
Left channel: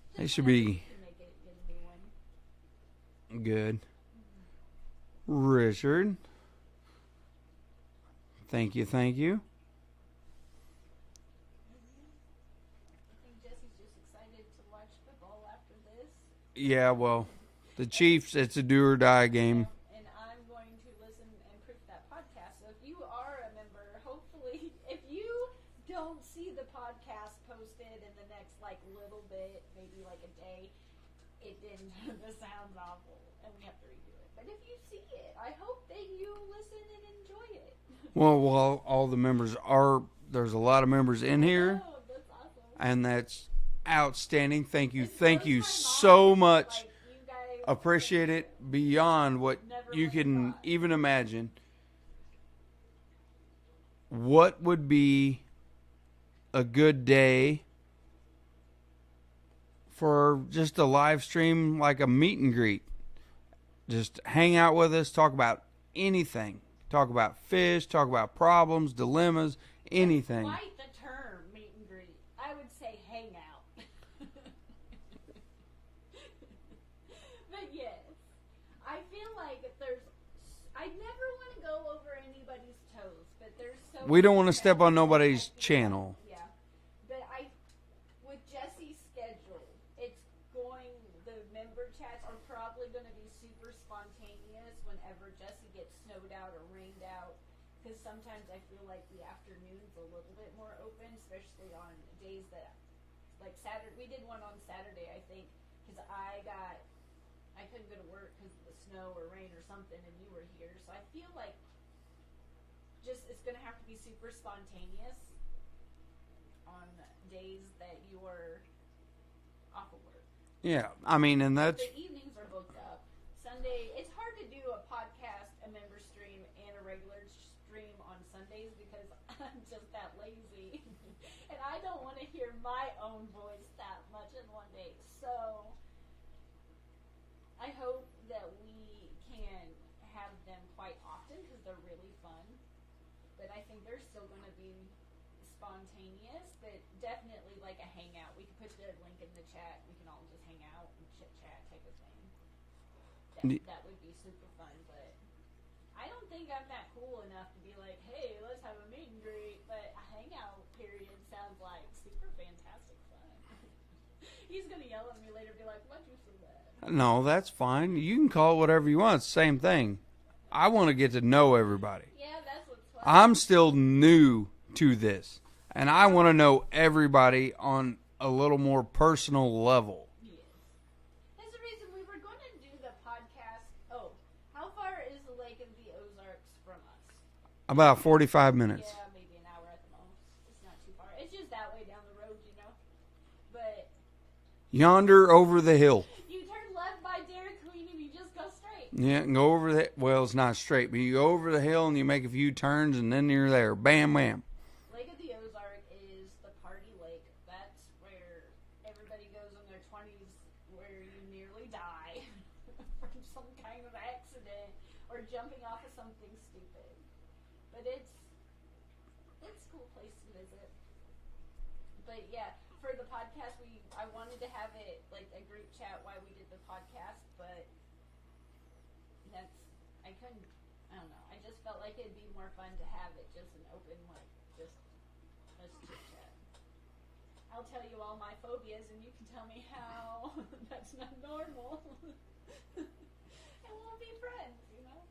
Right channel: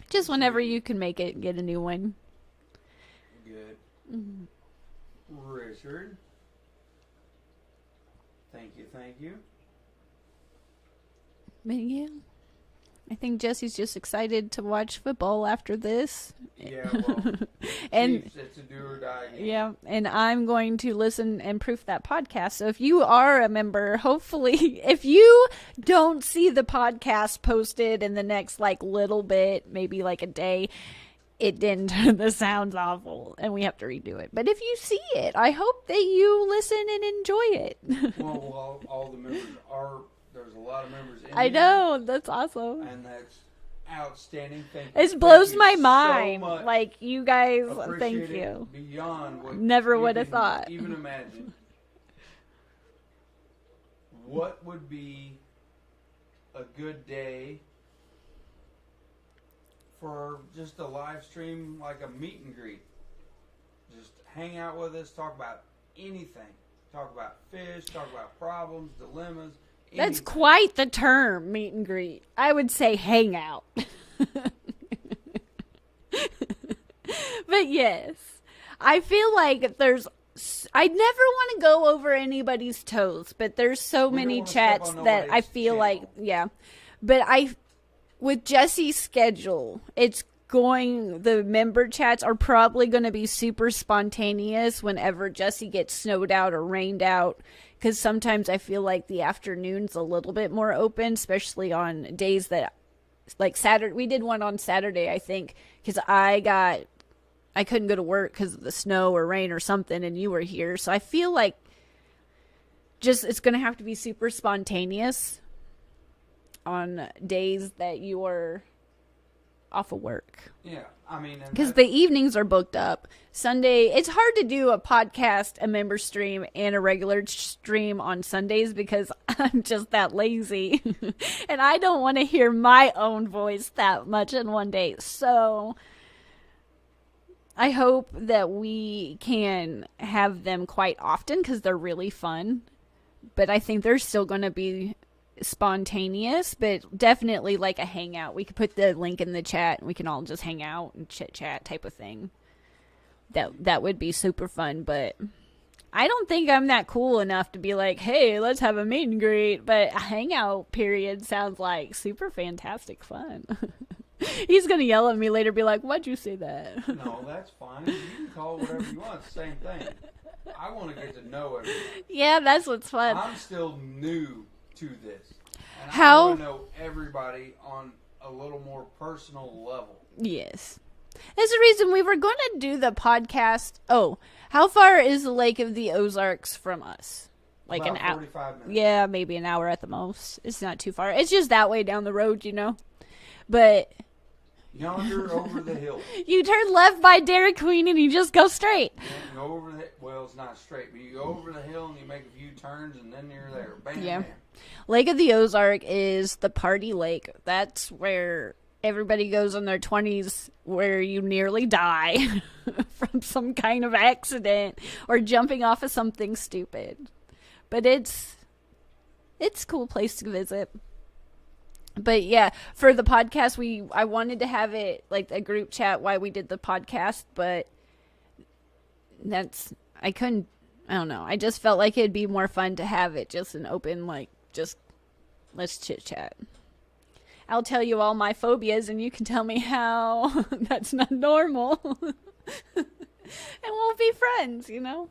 Just should whenever be- you can make it, get a new one. good. Richard. Thank you. But yeah. I think Jesse's just excited to watch football after this. Yeah, well, the Chiefs, it's a do or die game. Yeah, and I'm going to listen and proof that podcast. So if you are a member, hopefully, if you don't see the podcast posted in the next like little bit, maybe like a day, it didn't. The sound's awful, and we have to redo it. But if you see it, I hope that you listen and enjoy it. Well, all the members are. There's a lot of members in I here. know, that's awesome. And that's outstanding. Thank you. It Thank blows you my mind. so much. Like, you guys, Appreciate thank it you. beyond what Never you would have can thought. even imagine. What would be a good day for just a live stream, like a meet and greet? Just hang out with us, talk about anything. Talk about fish, talk about problems, dilemmas, anything. That's quite the term, meet and greet. I would say hang out. But yes, I feel like I never want to go over anybody's toes, but there's so We many don't wanna chats step on that nobody's I feel like, channel. yeah. But with Jesse's schedule, the member chats are probably going to be super spontaneous whenever Jesse gets snowed out or rained out. Because sometimes I feel like the afternoon's a little bit more open, especially on days that, like Saturday. We did one on Saturday, I think, because I couldn't go to work because of the snow or rain or something, and you were here. So I feel like it's going to have to be super spontaneous on days that you are off of work. Yeah, I mean, and Because that, the evenings are booked up. Sunday, it's hard to do a podcast, a member stream, and a regular stream on Sundays because I'm just that lazy. And I don't want to hear my own voice that much in one day. So I hope that we can have them quite often because they're really fun. But I think they're still going to be spontaneous, but definitely like a hangout. We could put the link in the chat and we can all just hang out and chit chat type of thing. That would be super fun, but I don't think I'm that cool enough to be like, hey, let's have a meet and greet. But a hangout period sounds like super fantastic fun. He's gonna yell at me later, be like, why'd you say that? no, that's fine. You can call it whatever you want. It's the same thing. I want to get to know everybody. Yeah, that's what's fun. I'm still new to this, and I How- want to know everybody on a little more personal level. Yes. That's the reason we were going to do the podcast. Oh, how far is the Lake of the Ozarks from us? Like About an hour? 45 minutes. Yeah, maybe an hour at the most. It's not too far. It's just that way down the road, you know. But Yonder over the hill. you turn left by Dairy Queen and you just go straight. Yeah, and go over the, well, it's not straight, but you go over the hill and you make a few turns and then you're there. Bam, Yeah. bam. Lake of the Ozark is the party lake. That's where everybody goes in their 20s where you nearly die from some kind of accident or jumping off of something stupid. But it's a cool place to visit. But yeah, for the podcast, I wanted to have it like a group chat while we did the podcast, but I don't know. I just felt like it'd be more fun to have it just an open, like, just let's chit chat. I'll tell you all my phobias and you can tell me how that's not normal. And we'll be friends, you know?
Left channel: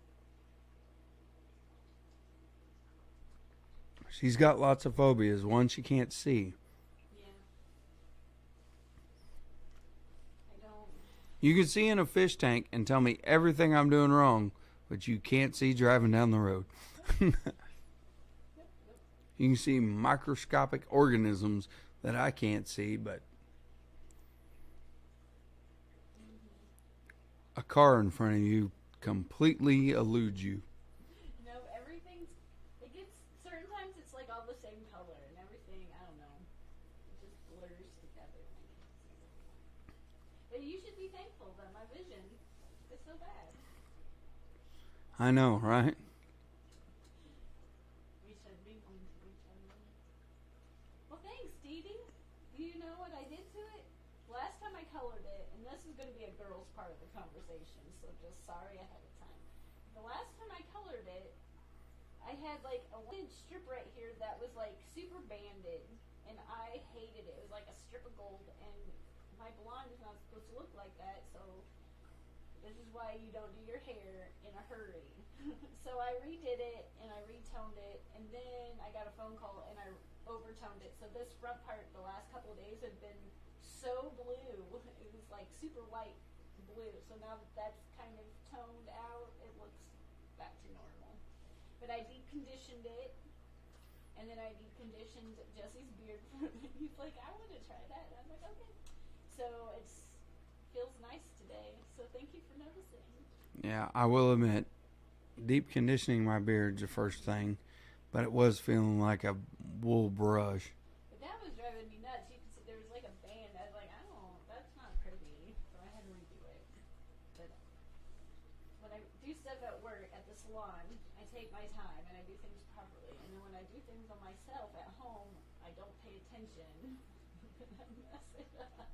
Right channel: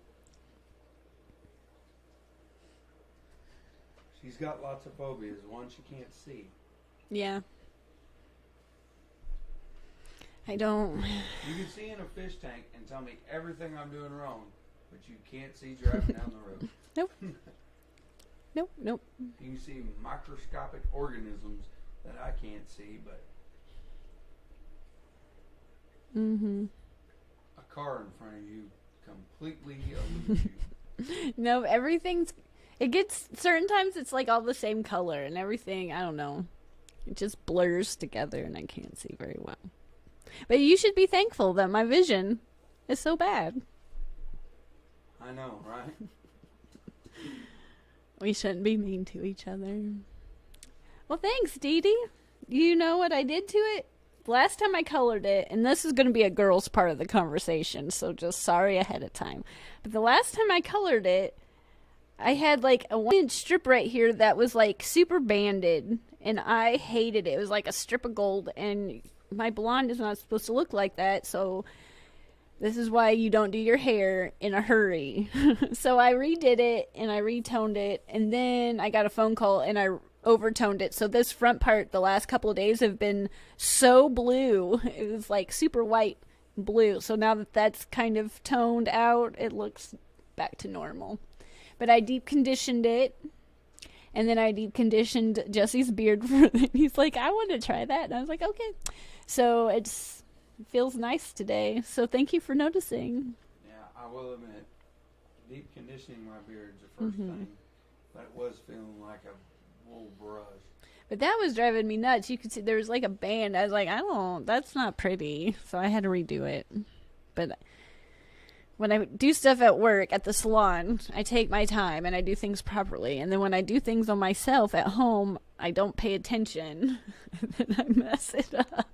She's got lots of phobias. One she can't see. Yeah. I don't. You can see in a fish tank and tell me everything I'm doing wrong, but you can't see driving down the road. Nope. Nope. You can see microscopic organisms that I can't see, but a car in front of you completely eludes you. No, it gets, certain times it's like all the same color and everything, I don't know. It just blurs together and I can't see very well. But you should be thankful that my vision is so bad. I know, right? We shouldn't be mean to each other. Well, thanks, Dee Dee. You know what I did to it? Last time I colored it, and this is going to be a girl's part of the conversation, so just sorry ahead of time. But the last time I colored it, I had like a 1-inch strip right here that was like super banded, and I hated it. It was like a strip of gold, and my blonde is not supposed to look like that, so this is why you don't do your hair in a hurry. So I redid it, and I retoned it, and then I got a phone call, and I overtoned it. So this front part, the last couple of days, have been so blue. It was like super white blue. So now that that's kind of toned out, it looks back to normal. But I deep conditioned it, and then I deep conditioned Jesse's beard for him. He's like, I want to try that, and I was like, okay. So it feels nice today. So thank you for noticing. Yeah, I will admit, deep conditioning my beard's the first thing, but it was feeling like a wool brush. But that was driving me nuts. You could see there was like a band. I was like, that's not pretty. So I had to redo it. But when I do stuff at work, at the salon, I take my time and I do things properly. And then when I do things on myself at home, I don't pay attention. And then I mess it up.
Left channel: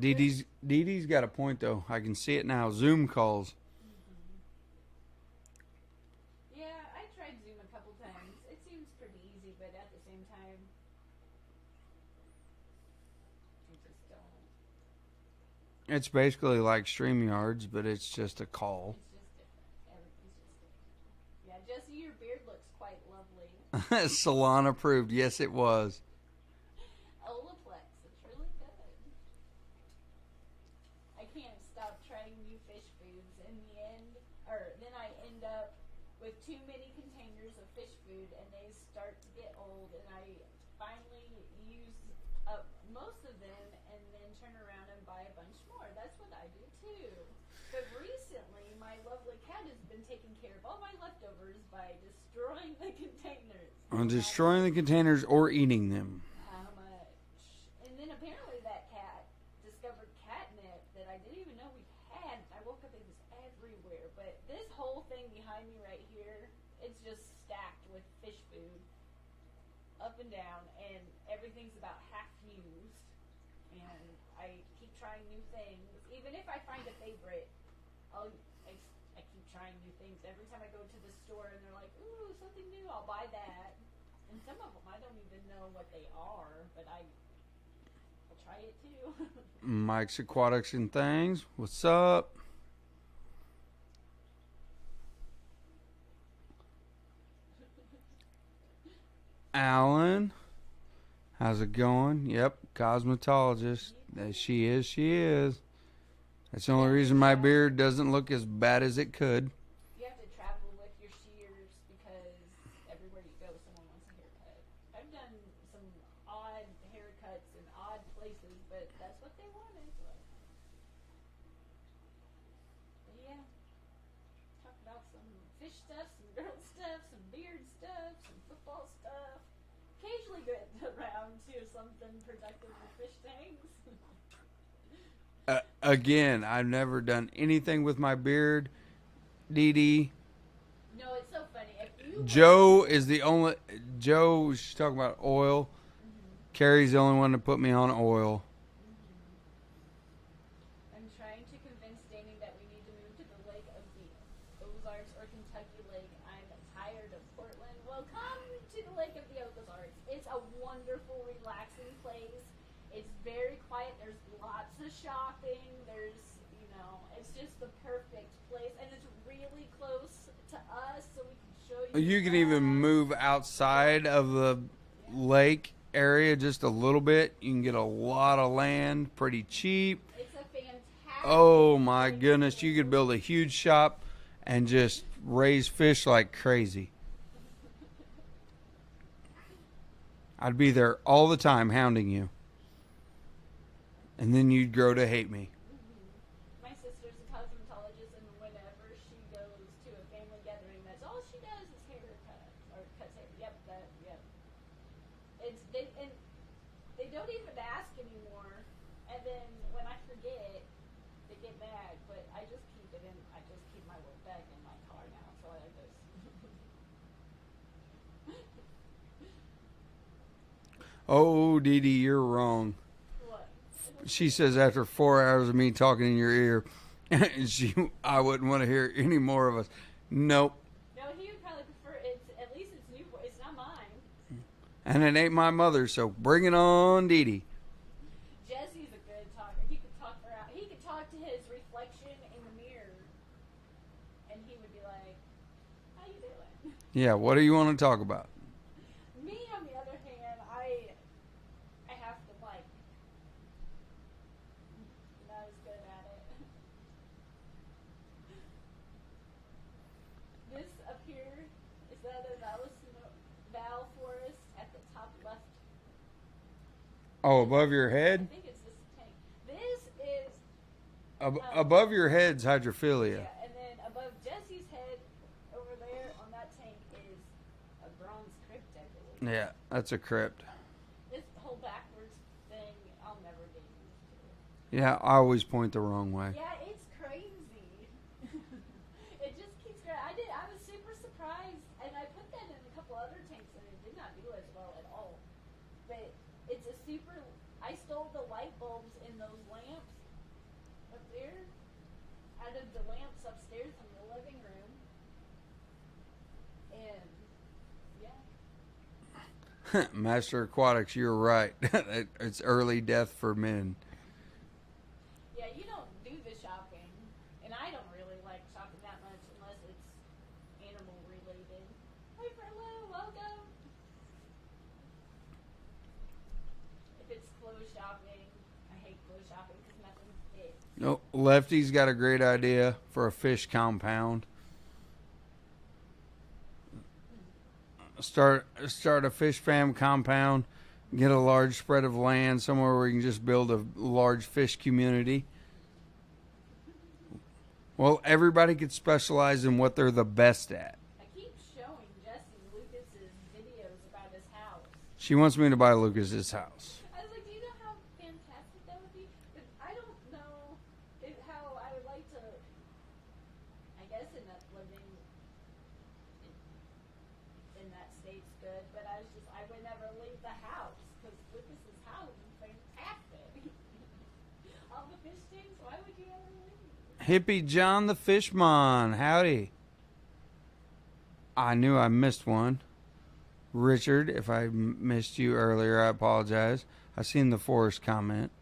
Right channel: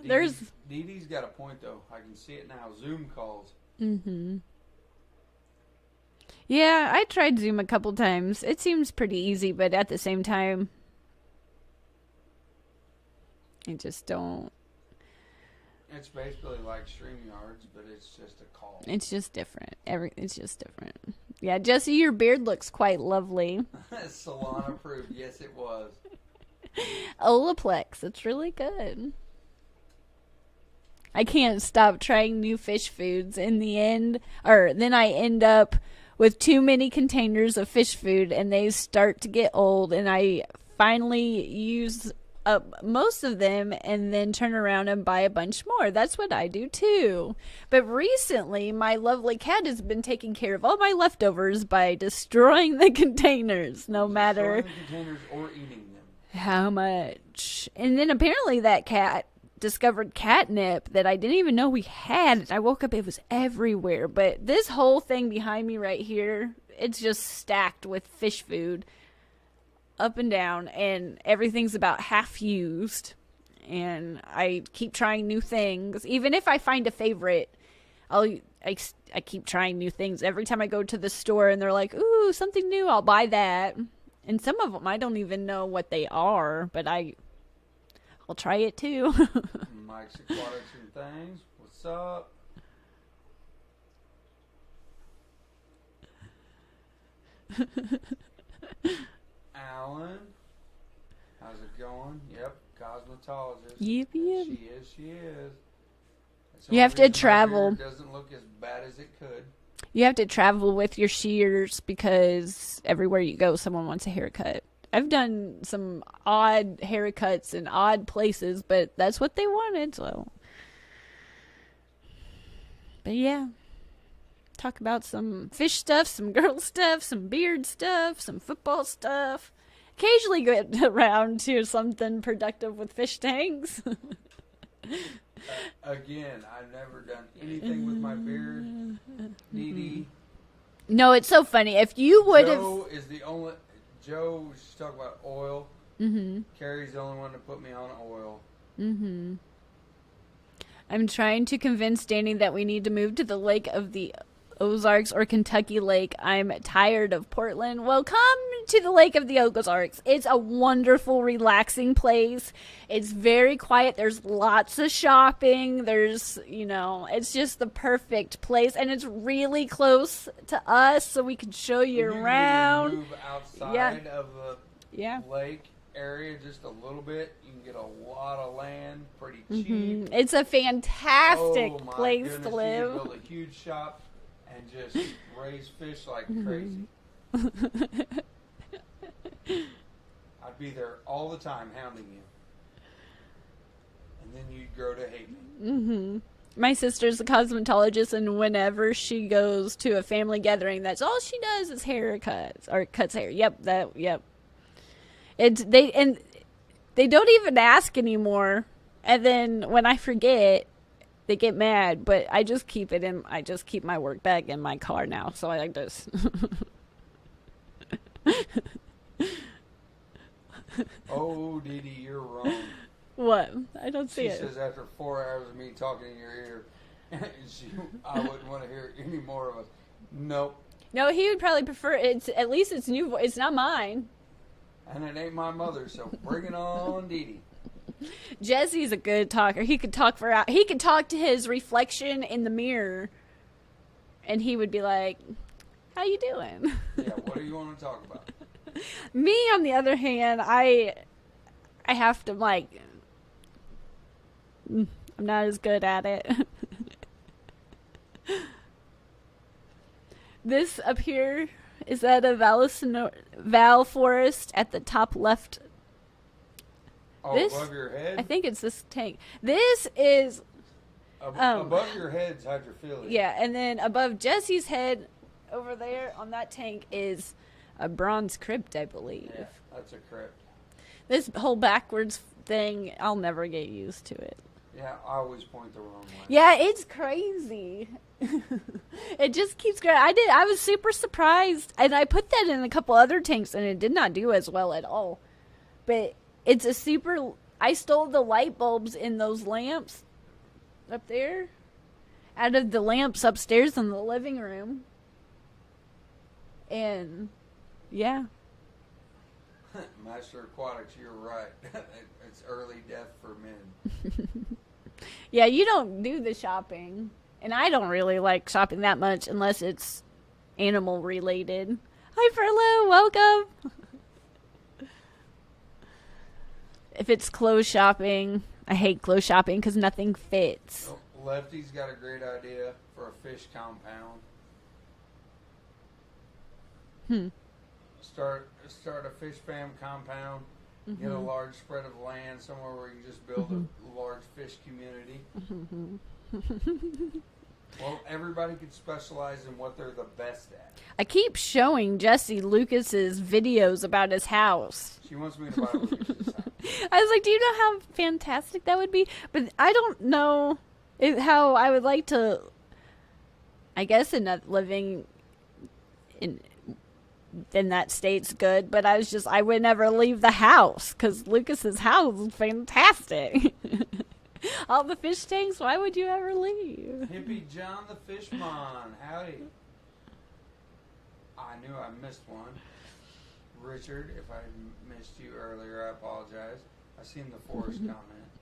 Dee Dee's got a point, though. I can see it now. Zoom calls. Mm-hmm. Yeah, I tried Zoom a couple times. It seems pretty easy, but at the same time, I just don't. It's basically like StreamYards, but it's just a call. It's just different. It's just different. Yeah, Jesse, your beard looks quite lovely. Salon approved. Yes, it was. Olaplex. It's really good. I can't stop trying new fish foods. In the end, or then I end up with too many containers of fish food, and they start to get old, and I finally use up most of them and then turn around and buy a bunch more. That's what I do too. But recently, my lovely cat has been taking care of all my leftovers by destroying the containers, no matter destroying the containers or eating them. How much. And then apparently that cat discovered catnip that I didn't even know we had. I woke up, it was everywhere. But this whole thing behind me right here, it's just stacked with fish food up and down, and everything's about half used. And I keep trying new things. Even if I find a favorite, I keep trying new things. Every time I go to the store and they're like, ooh, something new, I'll buy that. And some of them I don't even know what they are, but I'll try it too. Mike's Aquatics and Things. What's up? Alan, how's it going? Yep, cosmetologist. Yep. She is. That's the You only have to reason my travel. beard doesn't look as bad as it could. You have to travel with your shears because everywhere you go, someone wants a haircut. I've done some odd haircuts in odd places, but that's what they wanted, so. But yeah. Talk about some fish stuff, some girl stuff, some beard stuff, some football stuff. Occasionally get around to something productive with fish tanks. Again, I've never done anything with my beard. Dee Dee. No, it's so funny. If you would Joe is the only. Joe, she's talking about oil. Carrie's the only one to put me on oil. I'm trying to convince Danny that we need to move to the Lake of the Ozarks or Kentucky Lake. I'm tired of Portland. Well, come to the Lake of the Ozarks. It's a wonderful, relaxing place. It's very quiet. There's lots of shopping. There's, it's just the perfect place. And it's really close to us, so we can show you And you around. can even move outside of the lake area just a little bit. You can get a lot of land pretty cheap. It's a fantastic Oh my place goodness, to you could live. build a huge shop and just raise fish like crazy. I'd be there all the time hounding you. And then you'd grow to hate me. My sister's a cosmetologist, and whenever she goes to a family gathering, that's all she does is haircuts or cuts hair. Yep. They don't even ask anymore. And then when I forget, they get mad. But I just keep my work bag in my car now, so I just. Oh, Dee Dee, you're wrong. What? I don't see She it. says after 4 hours of me talking in your ear, I wouldn't want to hear any more of us. Nope. No, he would probably prefer it's at least it's new voice. It's not mine. And it ain't my mother, so bring it on, Dee Dee. Jesse's a good talker. He could talk for he could talk to his reflection in the mirror, and he would be like, "How you doing?" Yeah, what do you want to talk about? Me, on the other hand, I have to like. I'm not as good at it. This up here is that a Val forest at the top left. Oh, This- above your I head? think it's this tank. This is Above your head's hydrophilia. yeah, and then above Jesse's head, over there on that tank is a bronze crypt, I believe. Yeah, that's a crypt. This whole backwards thing, I'll never get used to it. Yeah, I always point the wrong way. Yeah, it's crazy. It just keeps going. I was super surprised, and I put that in a couple other tanks, and it did not do as well at all. But it's a super. I stole the light bulbs in those lamps up there, out of the lamps upstairs in the living room, and yeah. Master Aquatics, you're right. It's early death for men. Yeah, you don't do the shopping. And I don't really like shopping that much unless it's animal related. Hi, Furlough. Welcome. If it's clothes shopping, I hate clothes shopping because nothing fits. Oh, Lefty's got a great idea for a fish compound. Start a fish fam compound. Get a large spread of land somewhere where you can just build a large fish community. Well, everybody could specialize in what they're the best at. I keep showing Jesse Lucas's videos about his house. She wants me to buy Lucas's house. I was like, do you know how fantastic that would be? But I don't know how I would like to, I guess, living in that state's good, but I would never leave the house because Lucas's house is fantastic. All the fish tanks, why would you ever leave? Hippie John the Fishmon, howdy. I knew I missed one. Richard, if I missed you earlier, I apologize. I seen the Forest comment.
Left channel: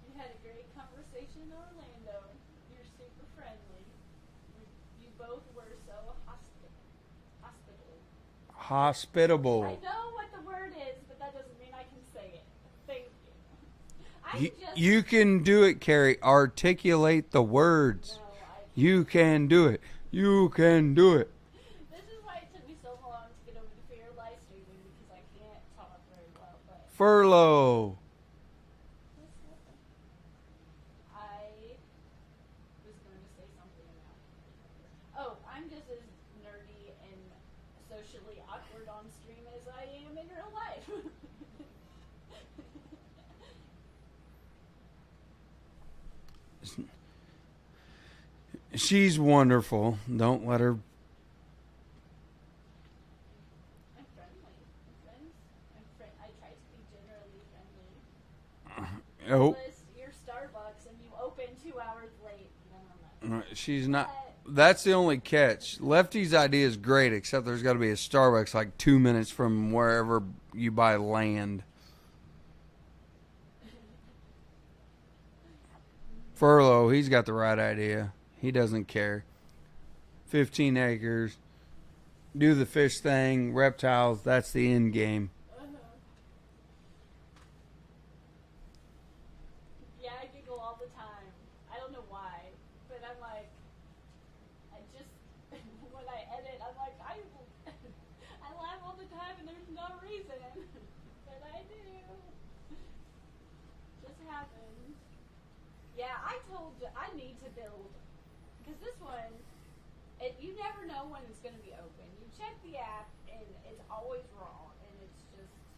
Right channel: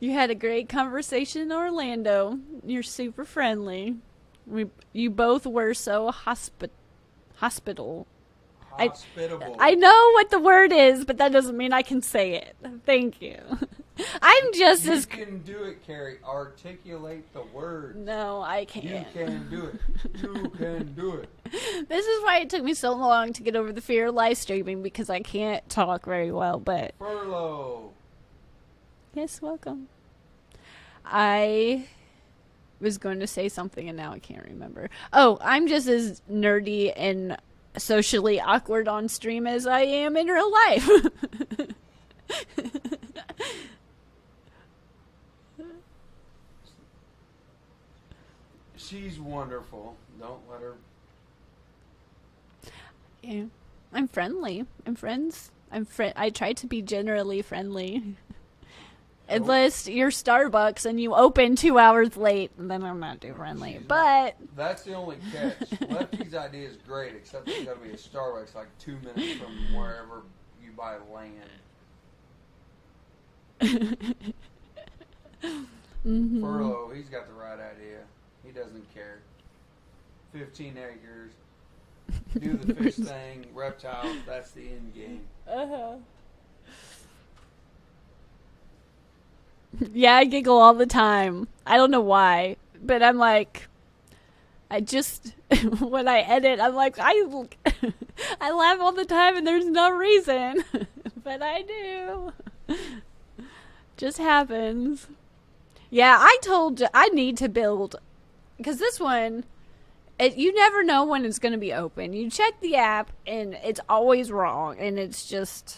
You had a great conversation in Orlando. You're super friendly. You both were so hospitable. Hospitable. I know what the word is, but that doesn't mean I can say it. Thank you. I'm just You can do it, Carrie. Articulate the words. No, I can't. You can do it. You can do it. This is why it took me so long to get over the fear of live streaming because I can't talk very well, but Furlough. yes, welcome. I was going to say something and now I can't remember. Oh, I'm just as nerdy and socially awkward on stream as I am in real life. She's wonderful. Don't let her. Yeah. I'm friendly. I'm friends. I try to be generally friendly. Oh, Unless you're Starbucks and you open 2 hours late, then I'm not too friendly. she's But not. That's the only catch. Lefty's idea is great, except there's got to be a Starbucks like 2 minutes from wherever you buy land. Furlough, he's got the right idea. He doesn't care. 15 acres. Do the fish thing. Reptiles. That's the end game. yeah, I giggle all the time. I don't know why, but I'm like, I just when I edit, I'm like, I laugh all the time, and there's no reason, but I do. Just happens. Yeah, I told you I need to build because this one. You never know when it's going to be open. You check the app, and it's always wrong, and it's just...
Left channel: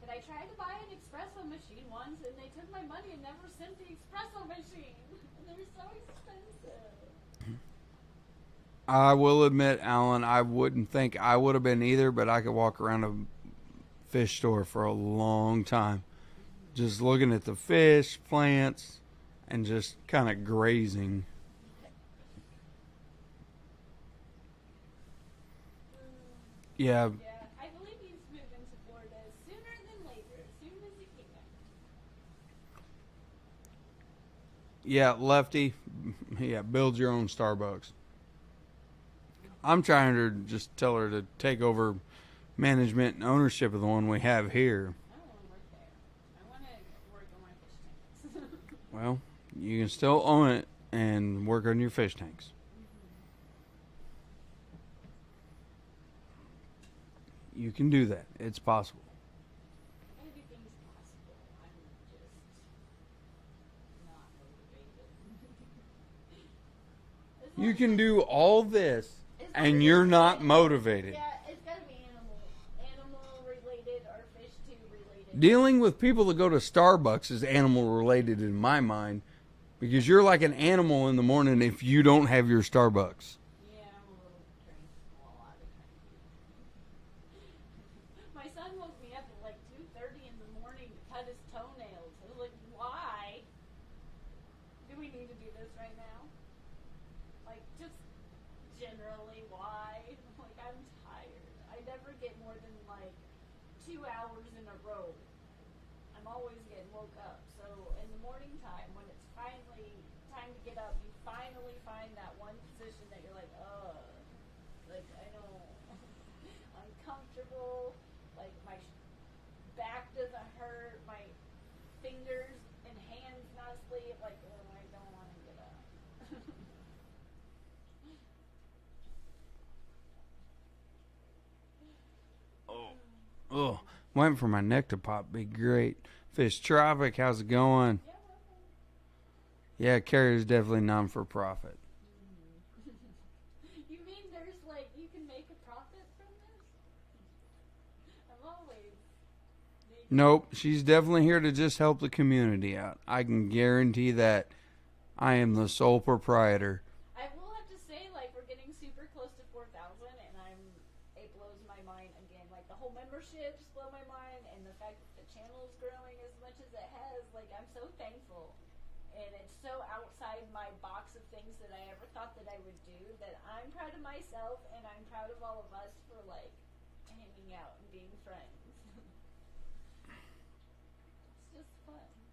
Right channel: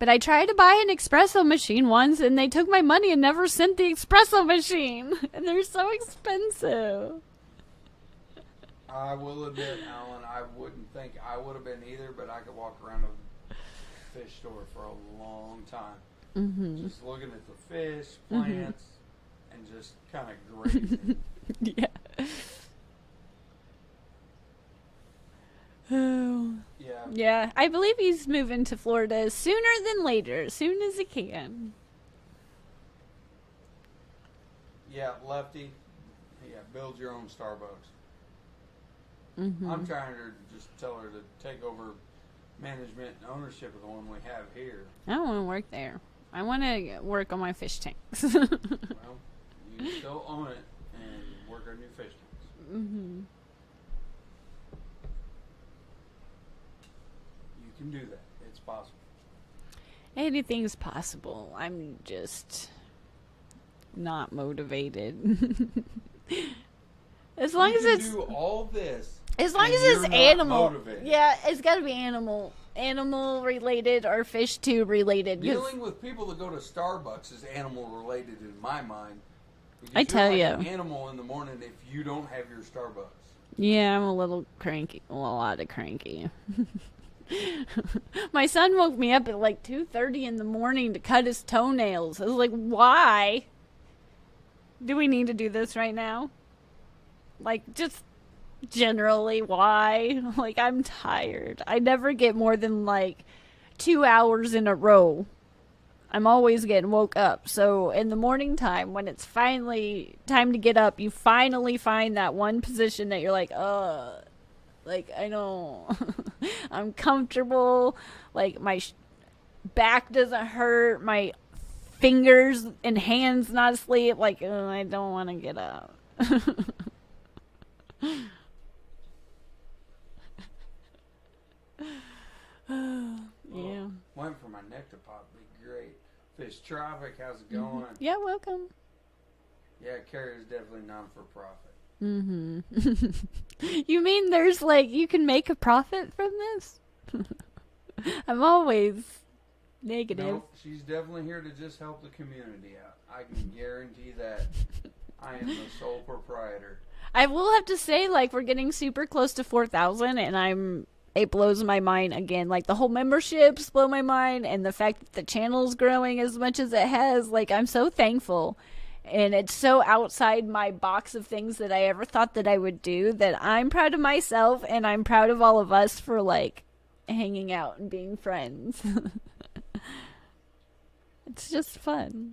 But I tried to buy an espresso machine once, and they took my money and never sent the espresso machine. And they're so expensive. I will admit, Alan, I wouldn't think I would have been either, but I could walk around a fish store for a long time. Mm-hmm. Just looking at the fish, plants, and just kind of grazing. Yeah. Yeah. Yeah, I believe he's moving to Florida sooner than later, as soon as he can. Yeah, Lefty. Yeah, build your own Starbucks. Mm-hmm. I'm trying to just tell her to take over management and ownership of the one we have here. I don't want to work there. I want to work on my fish tanks. Well, you can still own it and work on your fish tanks. Mm-hmm. You can do that. It's possible. Anything's possible. I'm just not motivated. As long You as can it's do all this, as long and as you're it's not animal motivated. Yeah, it's got to be animal related or fish tube related. Dealing with people that go to Starbucks is animal related in my mind, because I you're tell like you. an animal in the morning if you don't have your Starbucks. Yeah, I'm a little cranky. A lot of cranky. My son woke me up at like 2:30 in the morning to cut his toenails. I was like, why? Do we need to do this right now? Like, just generally, why? Like, I'm tired. I never get more than like 2 hours in a row. I'm always getting woke up. So in the morning time, when it's finally time to get up, you finally find that one position that you're like, like, I don't, I'm comfortable. Like, my back doesn't hurt. My fingers and hands not asleep. Like, I don't want to get up. Oh, waiting for my neck to pop. Be great. Fish Traffic, how's it going? Yeah, welcome. Yeah, Carrier's definitely non for profit. Mm-hmm. You mean there's like, you can make a profit from this? I'm always negative. Nope, she's definitely here to just help the community out. I can guarantee that. I am the sole proprietor. I will have to say, like, we're getting super close to 4,000, and it blows my mind again. Like, the whole memberships blow my mind, and the fact that the channel's growing as much as it has, like, I'm so thankful. And it's so outside my box of things that I ever thought that I would do, that I'm proud of myself, and I'm proud of all of us for, like, hanging out and being friends. It's just fun.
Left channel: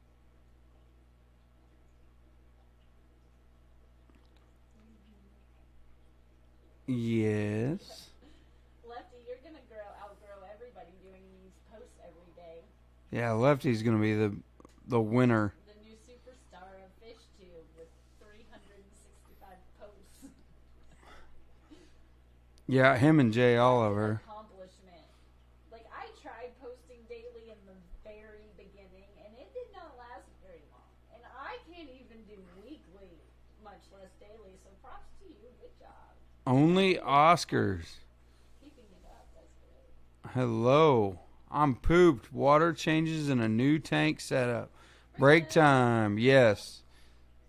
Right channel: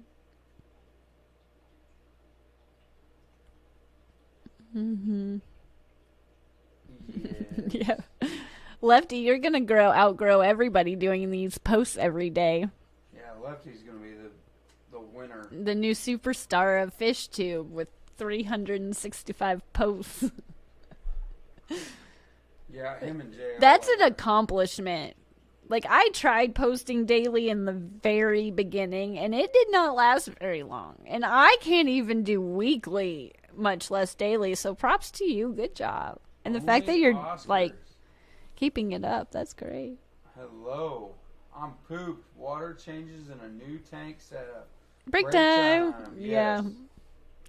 Mm-hmm. Yes. Yeah. Lefty, you're gonna outgrow everybody doing these posts every day. Yeah, Lefty's going to be the winner. The new superstar of FishTube with 365 posts. Yeah, him and Jay That's Oliver. an accomplishment. Like, I tried posting daily in the very beginning, and it did not last very long. And I can't even do weekly, much less daily. So props to you. Good job. And Only the fact that you're Oscars. like keeping it up, that's great. Hello. I'm pooped. Water changes in a new tank setup. Break time. time. Yes. Yeah.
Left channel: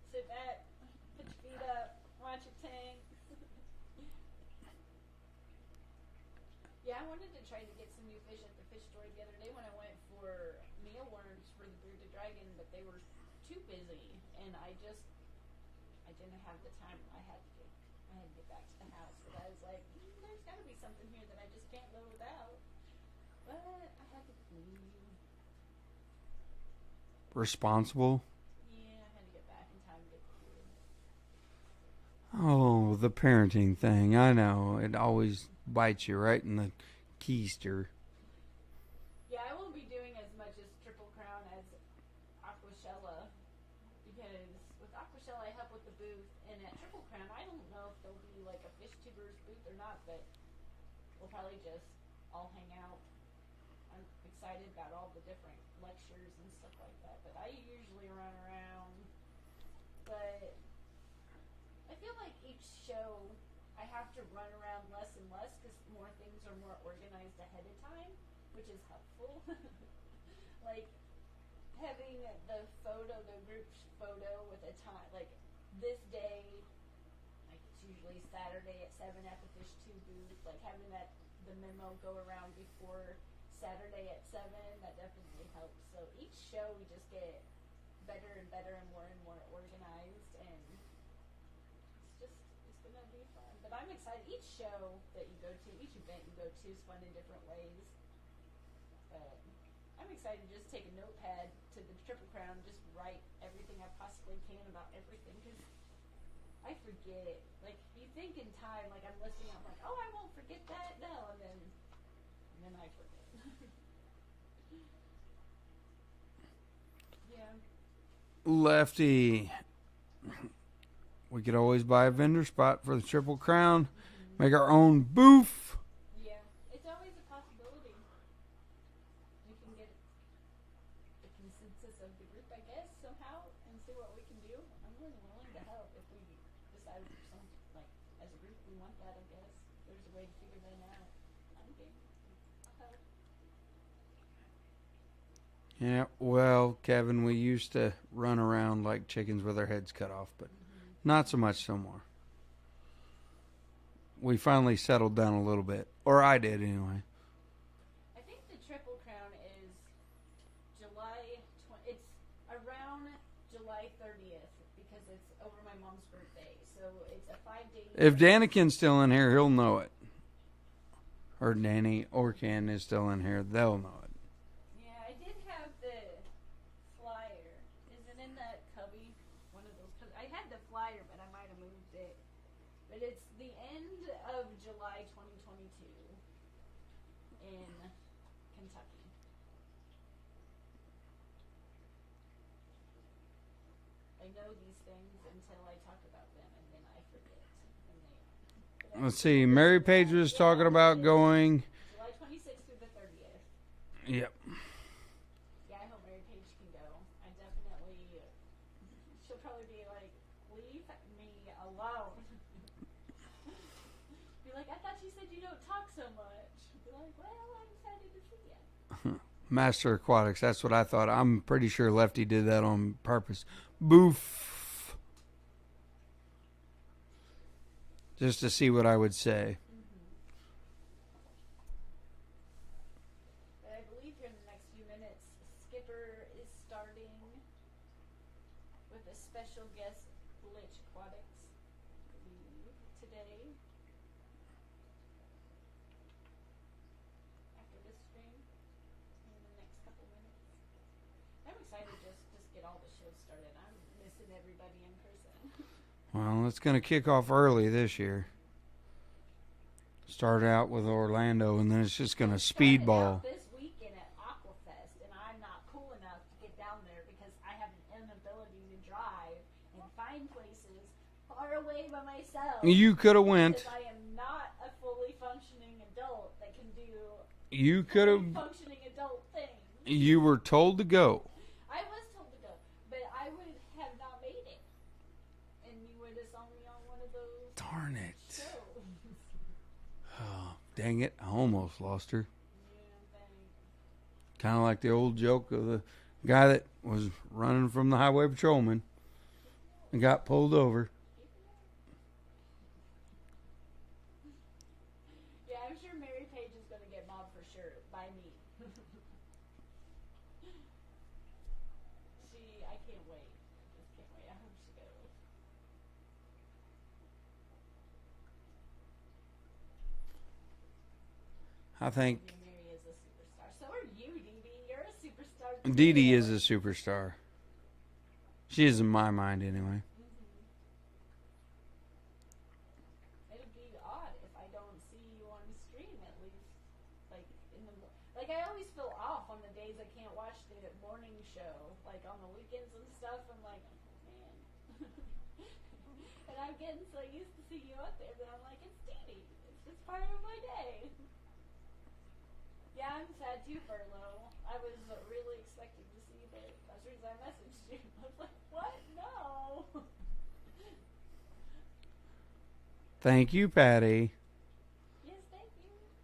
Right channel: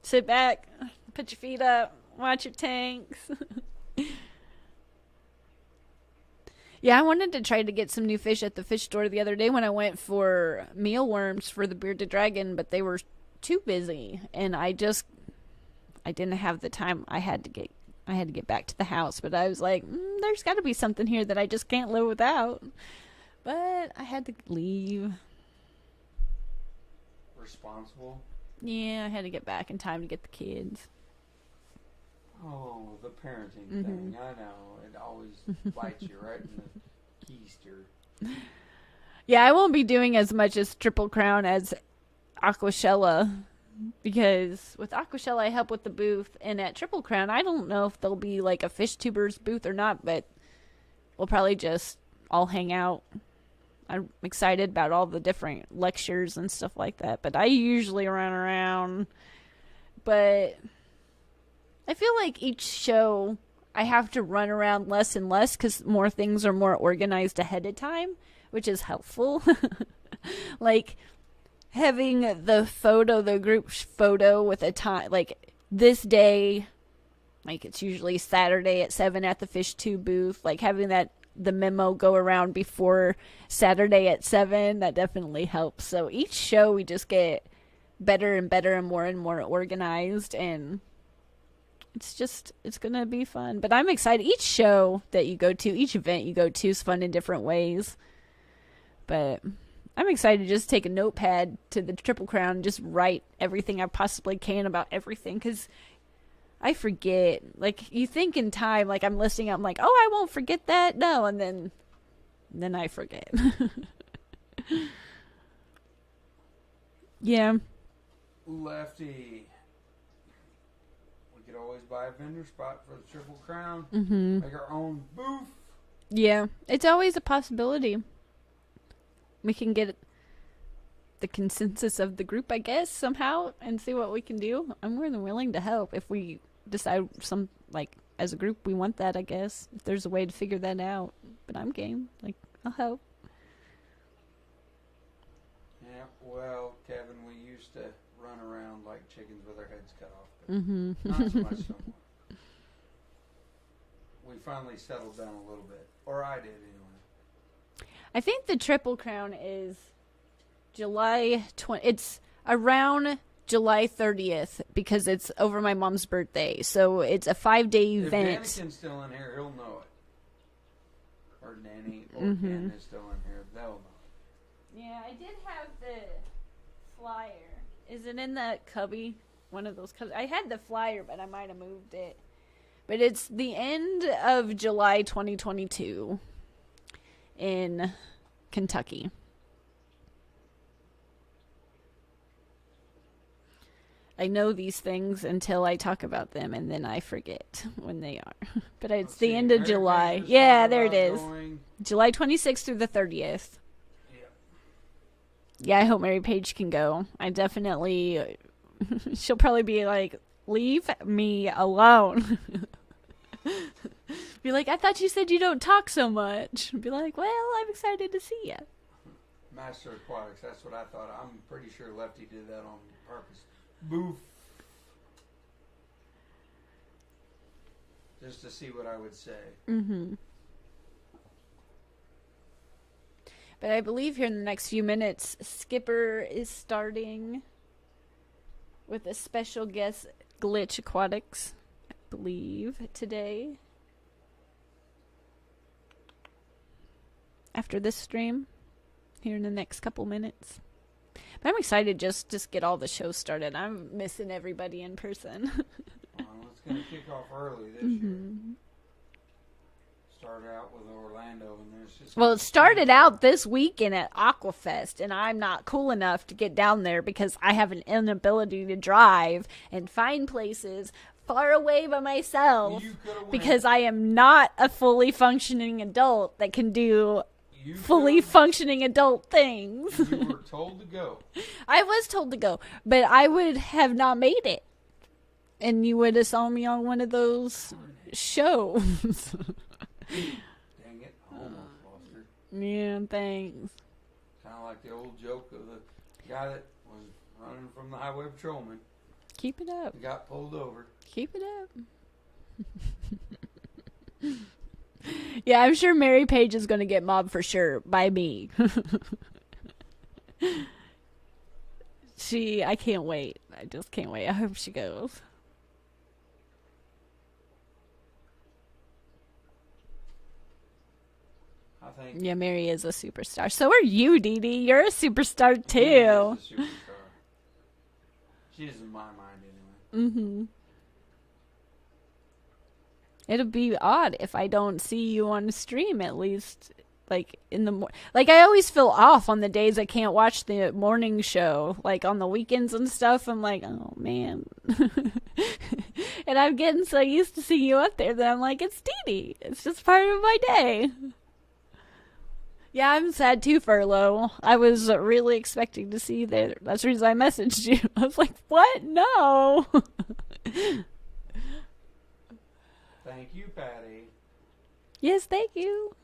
Sit back, put your feet up, watch your tanks. Yeah, I wanted to try to get some new fish at the fish store the other day when I went for mealworms for the bearded dragon, but they were too busy, and I didn't have the time. I had to get back to the house, but I was like, there's got to be something here that I just can't live without. But I had to leave. Responsible. Yeah, I had to get back in time to get the kids. Oh, the parenting thing. I know. It always bites you right in the keister. Yeah, I won't be doing as much as Triple Crown as Aquashella, because with Aquashella I help with the booth, and at Triple Crown I don't know if there'll be like a fish tubers booth or not, but we'll probably just all hang out. I'm excited about all the different lectures and stuff like that, but I usually run around. But I feel like each show I have to run around less and less because more things are more organized ahead of time, which is helpful. Like having the group photo with a time, like this day, like it's usually Saturday at 7 at the Fish 2 booth, like having the memo go around before Saturday at 7, that definitely helps. So each show we just get better and better and more organized, and it's gonna be fun. But I'm excited. Each show that you go to, each event you go to, is fun in different ways. But I'm excited to just take a notepad to the Triple Crown and just write everything I possibly can about everything, because I forget. Like, you think in time, like I'm listening, I'm like, oh, I won't forget that. No, and then I forget. Yeah. Lefty, we could always buy a vendor spot for the Triple Crown. Make our own booth. Yeah, it's always a possibility. We can get the consensus of the group, I guess, somehow, and see what we can do. I'm more than willing to help if we decide as a group we want that, I guess. If there's a way to figure that out. But I'm game. Like, I'll help. Yeah, well, Kevin, we used to run around like chickens with our heads cut off, but not so much no more. We finally settled down a little bit. Or I did, anyway. I think the Triple Crown is July 20. It's around July 30th because it's over my mom's birthday. So it's a 5-day event. If Danikin's still in here, he'll know it. Or Danny or Ken is still in here, they'll know it. Yeah, I did have the flyer. Is it in that cubby? One of those cubbies. I had the flyer, but I might have moved it. But it's the end of July 2022 in Kentucky. I know these things until I talk about them, and then I forget when they are. But it's the end of July. Yeah, there it is. Going July 26th through the 30th. Yep. Yeah, I hope Mary Page can go. I definitely... she'll probably be like, leave me alone. Be like, I thought you said you don't talk so much. Be like, well, I'm excited to see you. Master Aquatics, that's what I thought. I'm pretty sure Lefty did that on purpose. Boof. Just to see what I would say. But I believe here in the next few minutes, Skipper is starting with a special guest, Glitch Aquatics, I believe, today. After this stream, here in the next couple minutes. But I'm excited just get all the shows started. I'm missing everybody in person. Well, it's going to kick off early this year. Start out with Orlando, and then it's just going to it started out this weekend at Aquafest, and I'm not cool enough to get down there because I have an inability to drive and find places far away by myself. You could have went. Because I am not a fully functioning adult that can do fully functioning adult things. You were told to go. I was told to go, but I would have not made it. And you would have saw me on one of those shows. Dang it, I almost lost her. Yeah, thanks. Kind of like the old joke of the guy that was running from the highway patrolman. Keep it up. And got pulled over. Keep it up. Yeah, I'm sure Mary Page is going to get mobbed for sure by me. I can't wait. I just can't wait. I hope she goes. I think. Yeah, Mary is a superstar. So are you, Dee Dee. You're a superstar too. Dee Dee is a superstar. She is in my mind anyway. It'll be odd if I don't see you on the stream at least, like in the like I always feel off on the days I can't watch the morning show, like on the weekends and stuff. I'm like, oh man, and I'm getting so used to seeing you up there that I'm like, it's Dee Dee. It's just part of my day. Yeah, I'm sad too, Furlough. I was really expecting to see you there. That's the reason I messaged you. I was like, what? No. Thank you, Patty. Yes, thank you.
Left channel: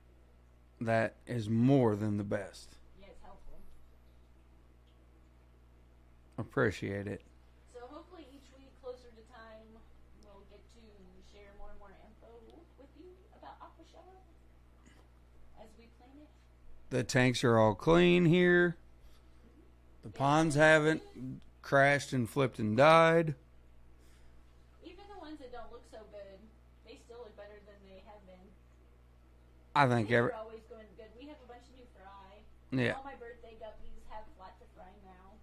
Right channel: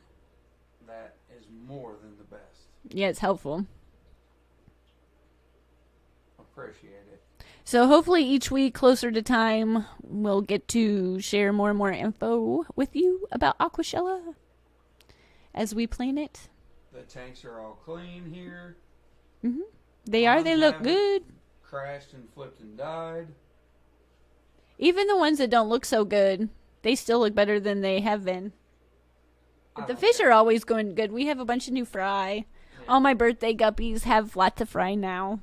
That is more than the best. Yeah, it's helpful. Appreciate it. So hopefully each week, closer to time, we'll get to share more and more info with you about Aquashella as we plan it. The tanks are all clean here. They are. They look good. Crashed and flipped and died. Even the ones that don't look so good, they still look better than they have been. I The think fish are always going good. We have a bunch of new fry. yeah. All my birthday guppies have lots of fry now.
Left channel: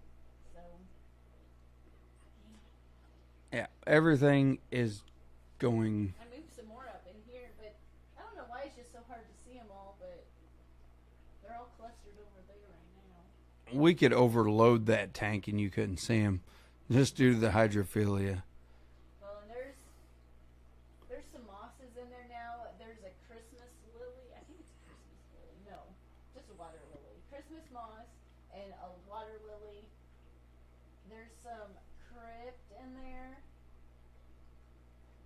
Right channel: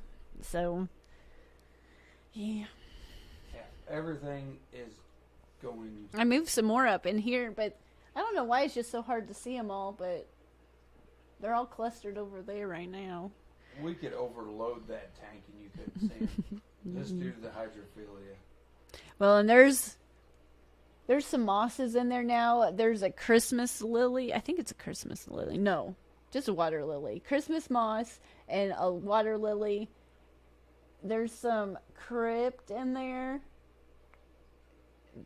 So, yeah. Yeah, everything is going. I moved some more up in here, but I don't know why it's just so hard to see them all, but they're all clustered over there right now. We could overload that tank and you couldn't see them just due to the hydrophilia. Well, and there's some mosses in there now. There's a Christmas lily. I think it's a Christmas lily. No, just a water lily. Christmas moss and a water lily. There's some crypt in there.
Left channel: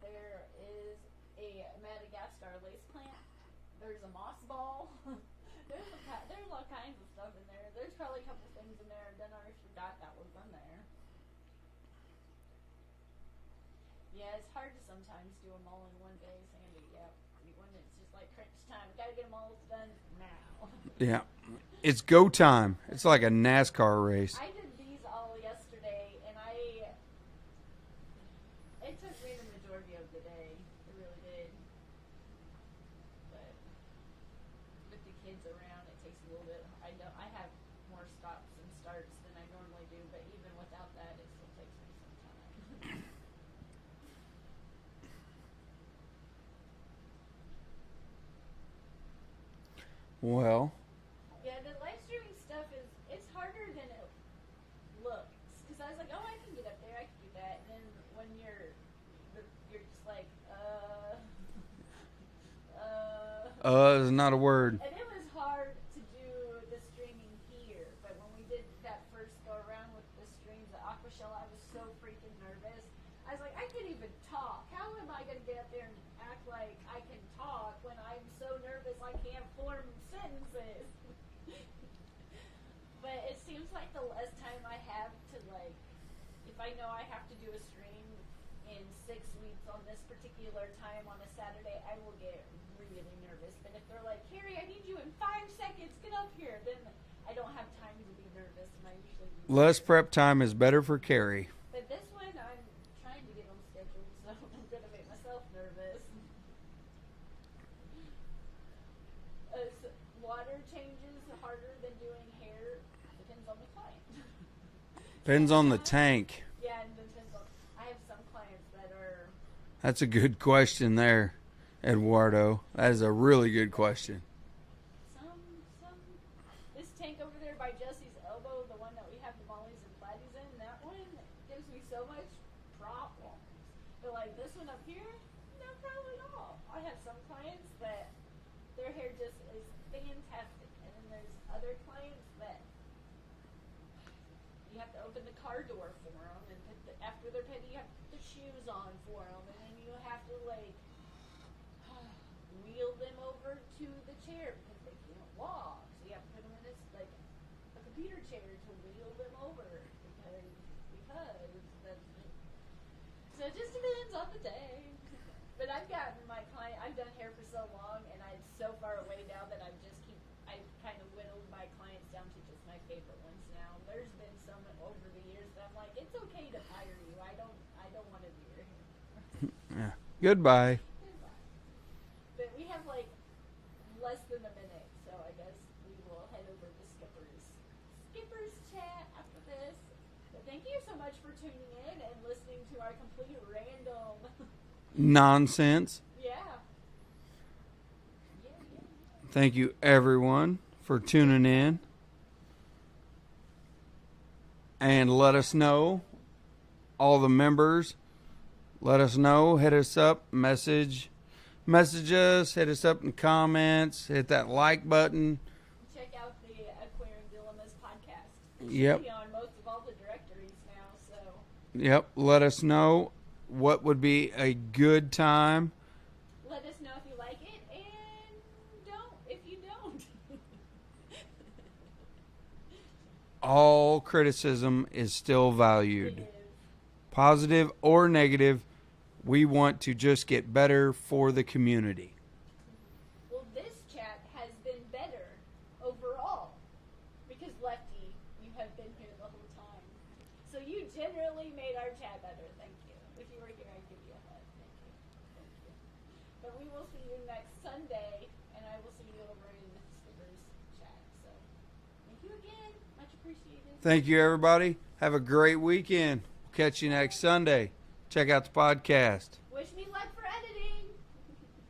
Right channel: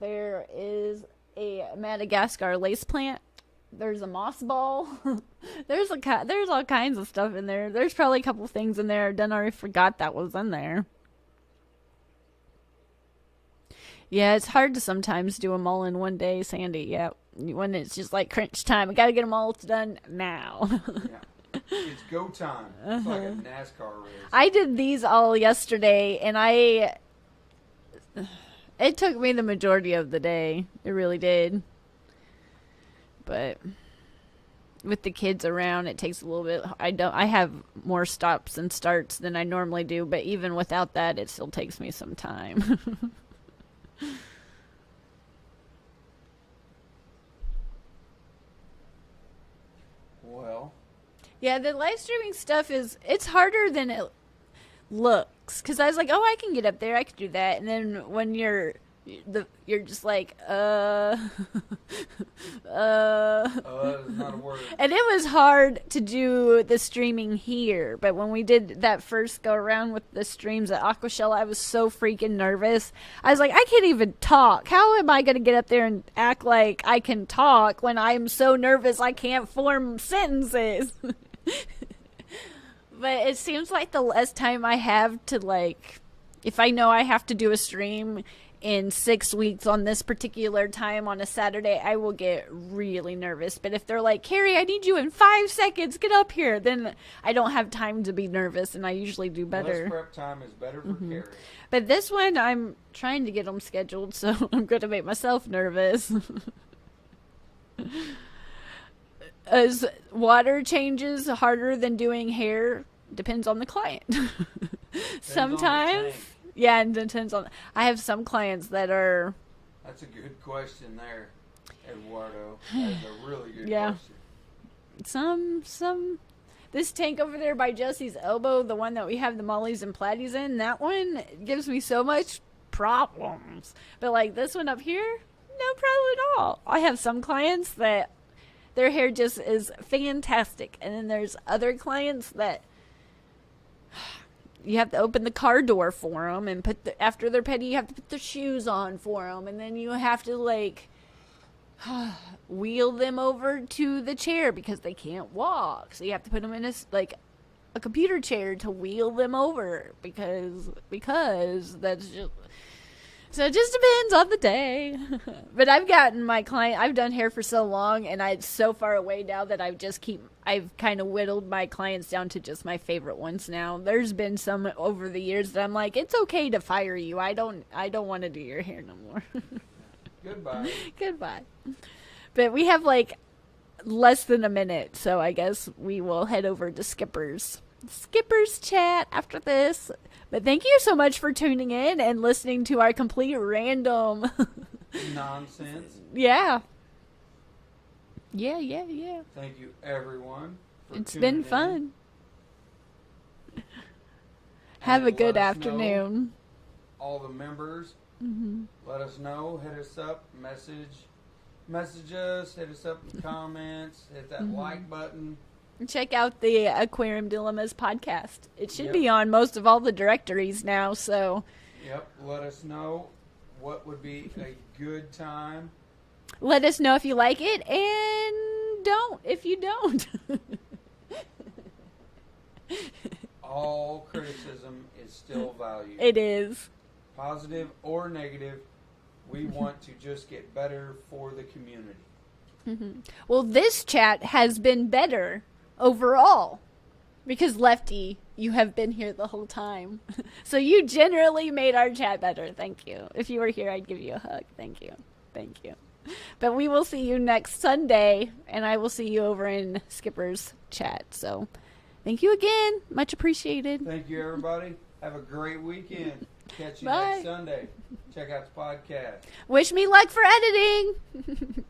There is a Madagascar lace plant. There's a moss ball. there's all kinds of stuff in there. There's probably a couple things in there I already forgot that was in there. Yeah, it's hard to sometimes do them all in one day, Sandy. Yeah, when it's just like crunch time. I gotta get them all done now. Yeah. It's go time. It's like a NASCAR race. I did these all yesterday, and it took me the majority of the day. It really did. But with the kids around, it takes a little bit. I have more stops and starts than I normally do, but even without that, it still takes me some time. Well, Yeah, the live streaming stuff it's harder than it looks. Because I was like, oh, I can get up there, I can do that. And then when you're just like, is not a word. And it was hard to do the streaming here, but when we did that first go around with the streams at Aquashell, I was so freaking nervous. I was like, I can't even talk. How am I going to get up there and act like I can talk when I'm so nervous I can't form sentences? But it seems like the less time I have to, like, if I know I have to do a stream in 6 weeks on this particular time on a Saturday, I will get really nervous. But if they're like, Carrie, I need you in 5 seconds, get up here, then I don't have time to be nervous, and I usually do better. Less prep time is better for Carrie. But this one, I'm trying to get them scheduled, so I'm going to make myself nervous. As water changes harder than doing hair, depends on the client. Depends on the tank. Yeah, and depends on. I have some clients that are. That's a good question there, Eduardo. That is a really good question. Some. This tank over there by Jesse's elbow, the one that we have the mollies and platies in, that one gives me so much problems. But like this one up here, no problem at all. I have some clients that their hair just is fantastic, and then there's other clients that you have to open the car door for them and after they're petty, you have to put their shoes on for them, and then you have to like wheel them over to the chair because they can't walk, so you have to put them in a computer chair to wheel them over because that's just. So it just depends on the day. But I've gotten my client, I've done hair for so long, and it's so far away now that I've kind of whittled my clients down to just my favorite ones now. There's been some over the years that I'm like, it's okay to fire you. I don't want to do your hair no more. Yeah. Goodbye. Goodbye. But we have like less than a minute, so I guess we will head over to Skipper's chat after this. But thank you so much for tuning in and listening to our complete random nonsense. Yeah. Thank you, everyone, for It's tuning been fun. in. Have And a good let us afternoon. know, all the members, let us know, hit us up, message us, hit us up in comments, hit that like button. Check out the Aquarium Dilemmas podcast. It should Yep. be on most of all the directories now, so Yep, let us know what would be a good time. let us know if you like it, and don't if you don't. All criticism is still valued. It is. Positive or negative, we want to just get better for the community. Well, this chat has been better overall. Because Lefty, you have been here the whole time. So you generally made our chat better. Thank you. If you were here, I'd give you a hug. Thank you. Thank you. But we will see you next Sunday, and I will see you over in Skipper's chat. So thank you again. Much appreciated. Thank you, everybody. Have a great weekend. Catch you next Bye. Sunday. Check out the podcast. Wish me luck for editing.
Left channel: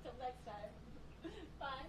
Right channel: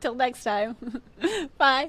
Till next time. Bye.